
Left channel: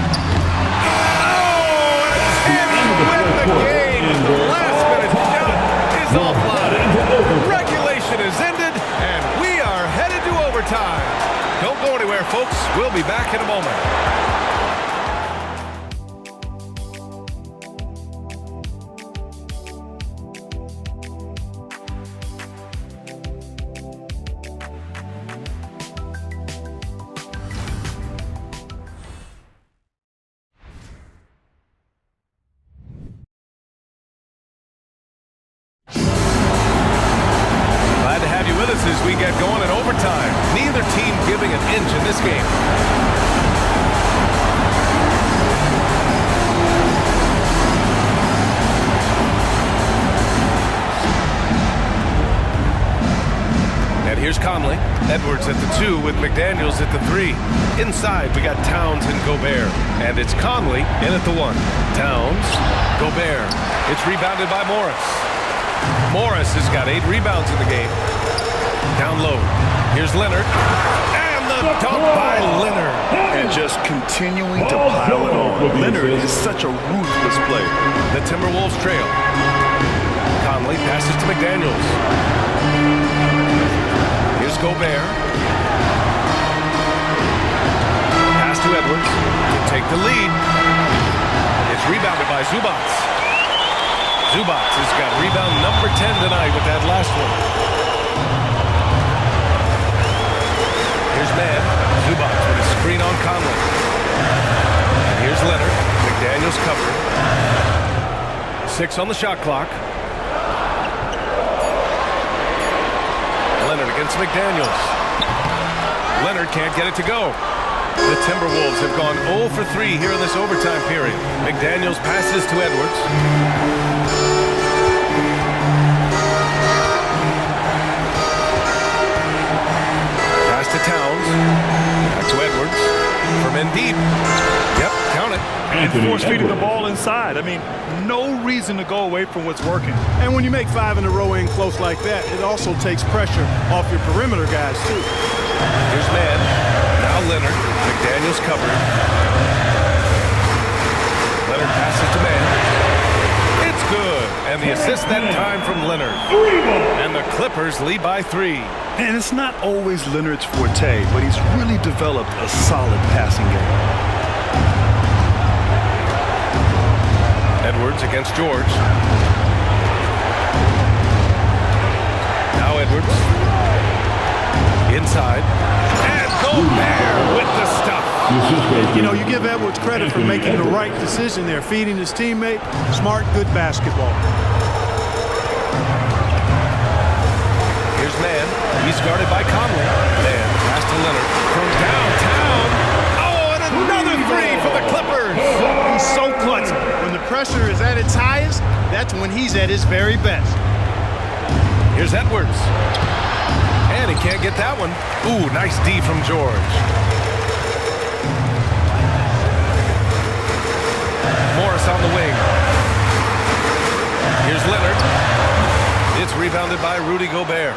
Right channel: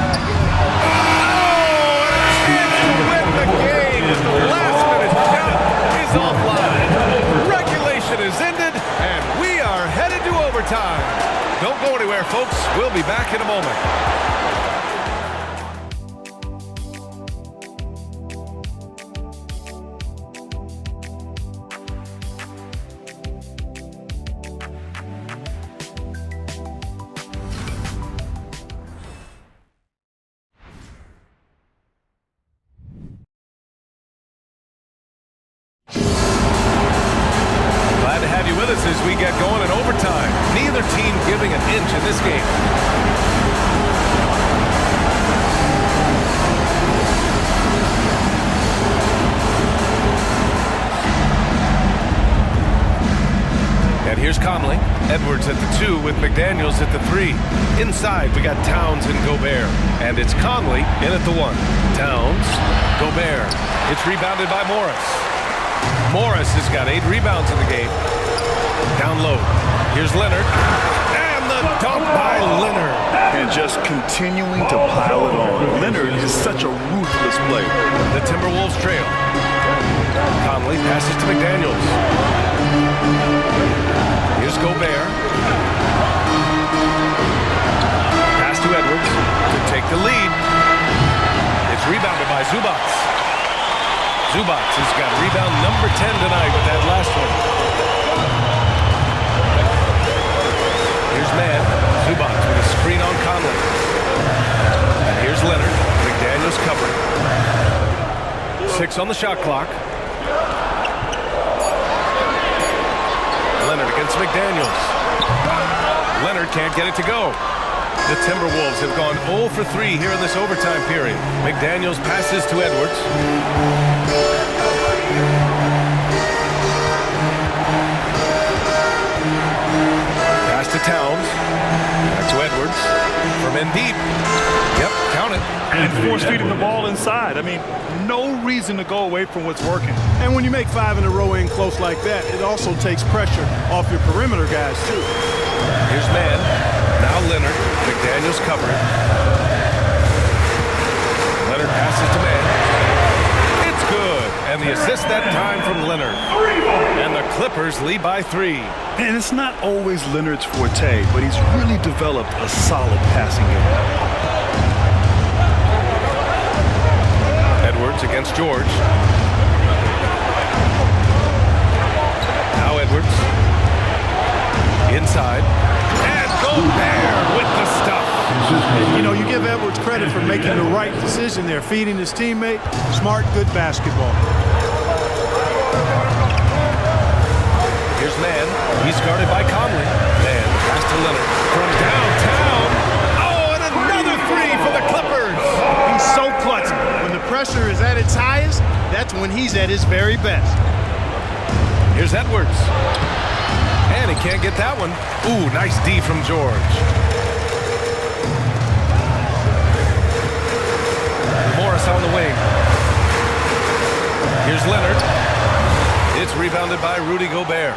and a chance to win the game, but the last-minute shot is offline. Regulation is ended, and we are headed to overtime. Don't go anywhere, folks. We'll be back in a moment. Glad to have you with us as we get going in overtime. Neither team giving an inch in this game. And here's Conley. Edwards at the 2 with McDaniels at the 3. Inside, we got Towns and Gobert. And it's Conley in at the 1. Towns, Gobert. It's rebounded by Morris. Morris has got 8 rebounds in the game. Down low. Here's Leonard. And the dunk by Leonard. And just continuing to pile it on. Leonard is such a ruthless player. The Timberwolves trail. Conley passes to McDaniels. Here's Gobert. Pass to Edwards to take the lead. It's rebounded by Zubac. Zubac has got rebound number 10 tonight with that last one. Here's Mann. Zubac with a screen on Conley. And here's Leonard. McDaniels covering. 6 on the shot clock. Leonard against McDaniels. Leonard can't get it to go. The Timberwolves have gone 0 for 3 here in this overtime period. McDaniels passes to Edwards. Pass to Towns. Back to Edwards. From in deep. Yep, count it. And force-feeding the ball inside. I mean, no reason to go away from what's working. And when you make 5 in a row in close like that, it also takes pressure off your perimeter guys, too. Here's Mann. Now Leonard. McDaniels covering. Leonard passes to man. It's good. And the assist that time from Leonard. And the Clippers lead by 3. And it's not always Leonard's forte, but he's really developed a solid passing game. Edwards against George. Now Edwards. Inside. And Gobert with the stuff. You know, you give Edwards credit for making the right decision there, feeding his teammate. Smart, good basketball. Here's Mann. He's guarded by Conley. Mann, the pass to Leonard. From downtown. Oh, and another 3 for the Clippers. He's so clutch. When the pressure is at its highest, that's when he's at his very best. Here's Edwards. And he can't get that one. Ooh, nice D from George. Morris on the wing. Here's Leonard. It's rebounded by Rudy Gobert.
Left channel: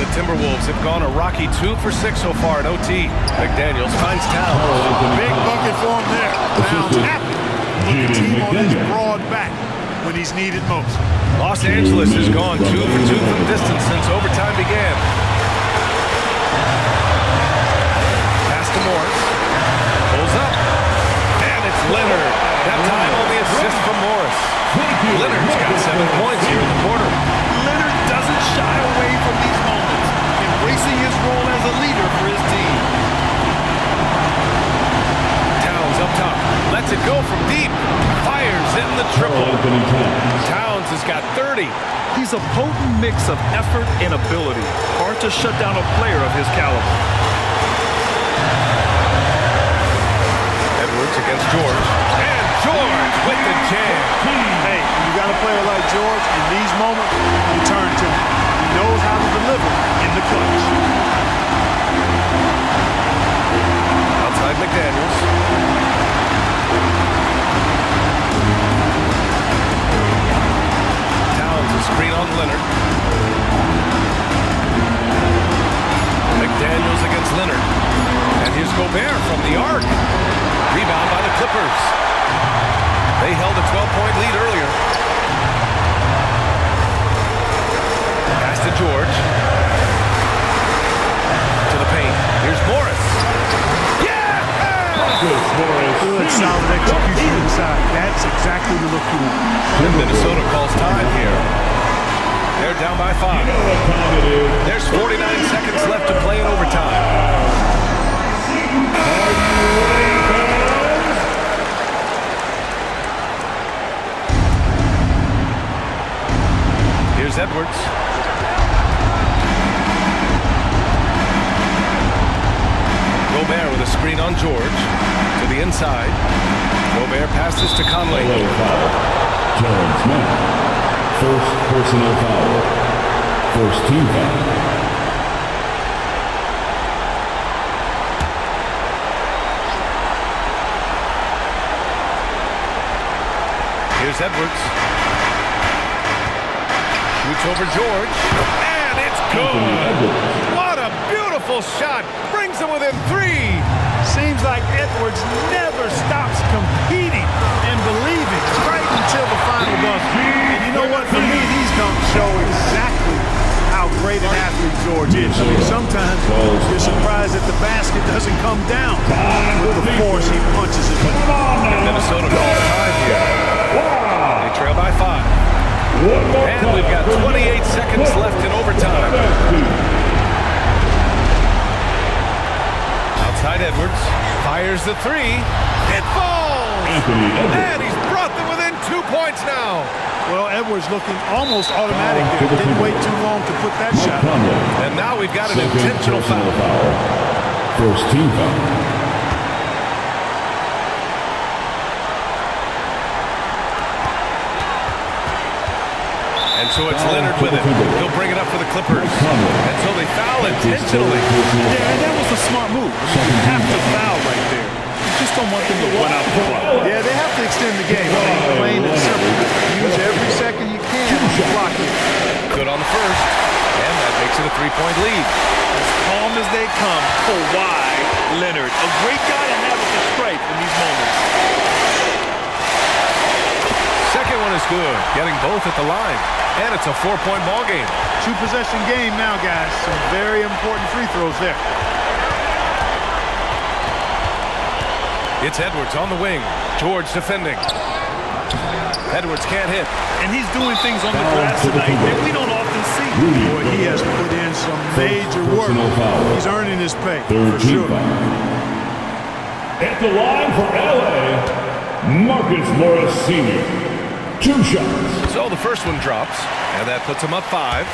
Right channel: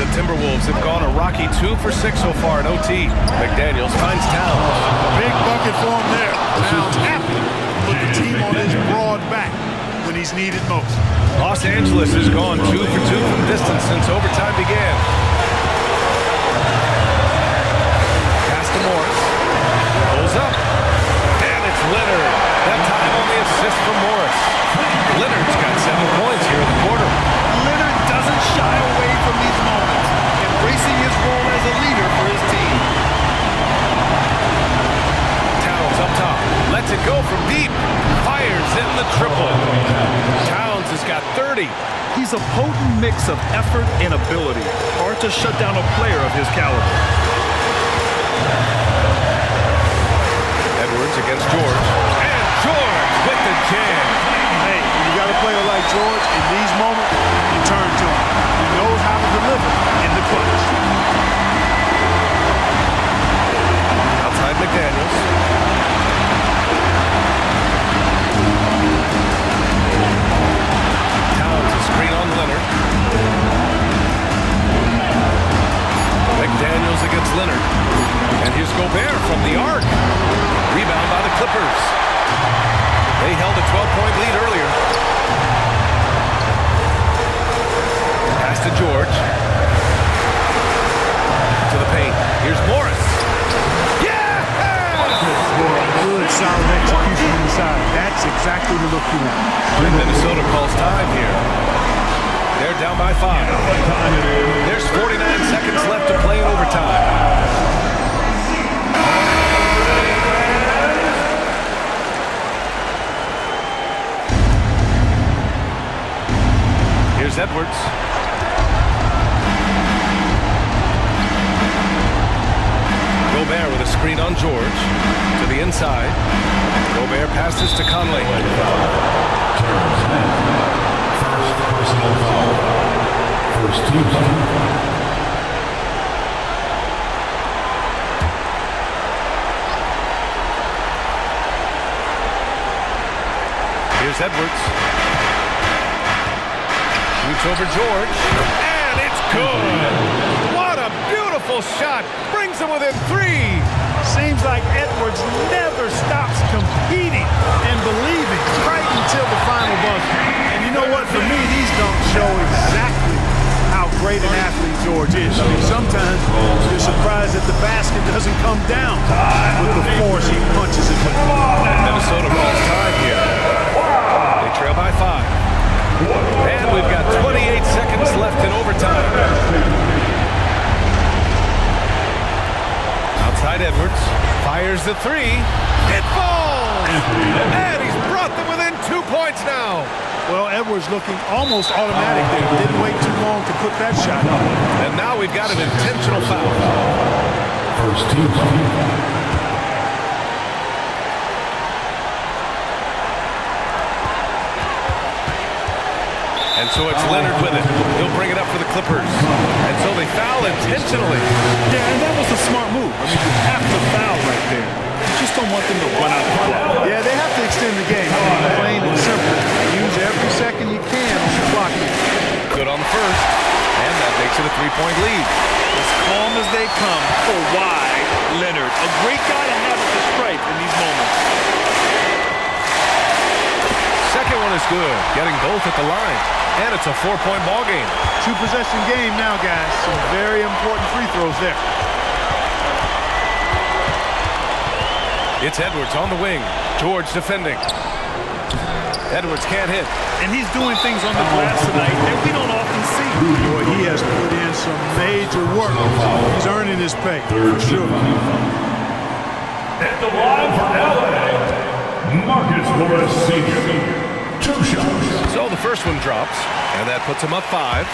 The Timberwolves have gone a rocky 2 for 6 so far in OT. McDaniels finds Towns. Big bucket for him there. Towns happy to put the team on his broad back when he's needed most. Los Angeles has gone 2 for 2 from distance since overtime began. Pass to Morris. Pulls up. And it's Leonard. That time on the assist from Morris. Leonard's got 7 points here in the quarter. Leonard doesn't shy away from these moments, embracing his role as a leader for his team. Towns up top. Lets it go from deep. Fires in the triple. Towns has got 30. He's a potent mix of effort and ability. Hard to shut down a player of his caliber. Edwards against George. And George with the jam. Hey, when you got a player like George, in these moments, you turn to him. He knows how to deliver in the clutch. Outside McDaniels. Towns a screen on Leonard. McDaniels against Leonard. And here's Gobert from the arc. Rebound by the Clippers. They held a 12-point lead earlier. Pass to George. To the paint. Here's Morris. Yes! Good, solid execution inside. That's exactly the look you want. And Minnesota calls time here. They're down by 5. There's 49 seconds left to play in overtime. Here's Edwards. Gobert with a screen on George. To the inside. Gobert passes to Conley. Terrence Mann. First personal foul. First team foul. Here's Edwards. Shoots over George, and it's good. What a beautiful shot. Brings him within 3. Seems like Edwards never stops competing and believing right until the final buzzer. And you know what? For me, these dunks show exactly how great an athlete George is. I mean, sometimes you're surprised that the basket doesn't come down with the force he punches it with. And Minnesota calls time here. They trail by 5. And we've got 28 seconds left in overtime. Outside Edwards. Fires the 3. It falls! And he's brought them within 2 points now. Well, Edwards looking almost automatic there. Didn't wait too long to put that shot up. And now we've got an intentional foul. First team foul. And so it's Leonard with it. He'll bring it up for the Clippers. And so they foul intentionally. Yeah, and that was a smart move. I mean, you have to foul right there. You just don't want them to run out the clock. Yeah, they have to extend the game. I mean, plain and simple. Use every second you can on the clock here. Good on the first. And that makes it a 3-point lead. As calm as they come, Kawhi Leonard. A great guy to have at the stripe in these moments. second one is good, getting both at the line. And it's a 4-point ball game. 2-possession game now, guys. Some very important free throws there. It's Edwards on the wing. George defending. Edwards can't hit. And he's doing things on the glass tonight that we don't often see. Boy, he has put in some major work. He's earning his pay, for sure. At the line for LA, Marcus Morris Sr. 2 shots. So the first one drops, and that puts him up 5.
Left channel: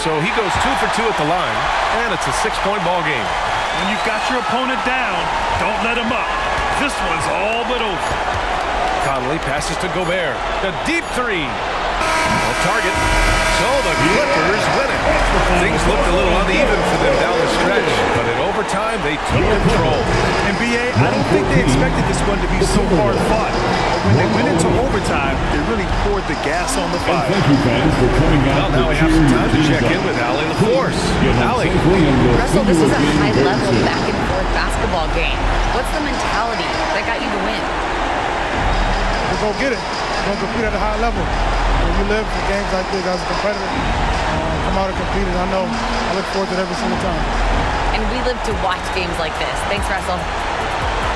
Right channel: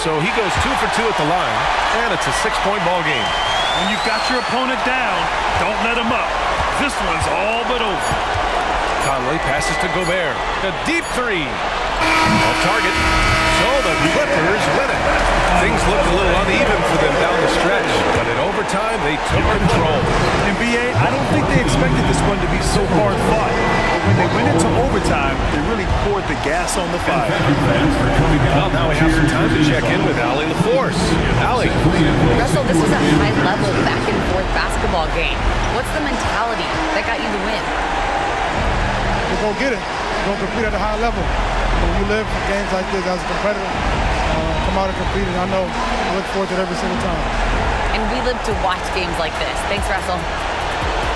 So he goes 2 for 2 at the line, and it's a 6-point ball game. When you've got your opponent down, don't let him up. This one's all but over. Conley passes to Gobert. A deep 3. Off target. So the Clippers win it. Things looked a little uneven for them down the stretch, but in overtime, they took control. NBA, I don't think they expected this one to be so hard fought. But when they went into overtime, they really poured the gas on the fire. Thank you, fans, for coming out. Well, now we have some time to check in with Allie LaForce. Allie. Russell, this was a high-level back-and-forth basketball game. What's the mentality that got you the win? We're going to get it. We're going to compete at a high level. When you live for games like this as a competitor, come out and compete, and I look forward to it every single time. And we live to watch games like this. Thanks, Russell.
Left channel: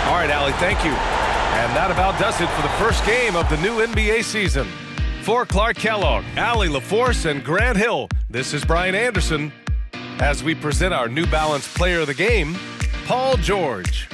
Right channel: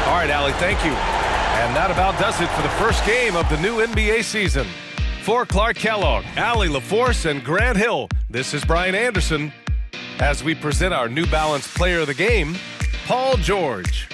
All right, Allie, thank you. And that about does it for the first game of the new NBA season. For Clark Kellogg, Allie LaForce, and Grant Hill, this is Brian Anderson as we present our New Balance Player of the Game, Paul George.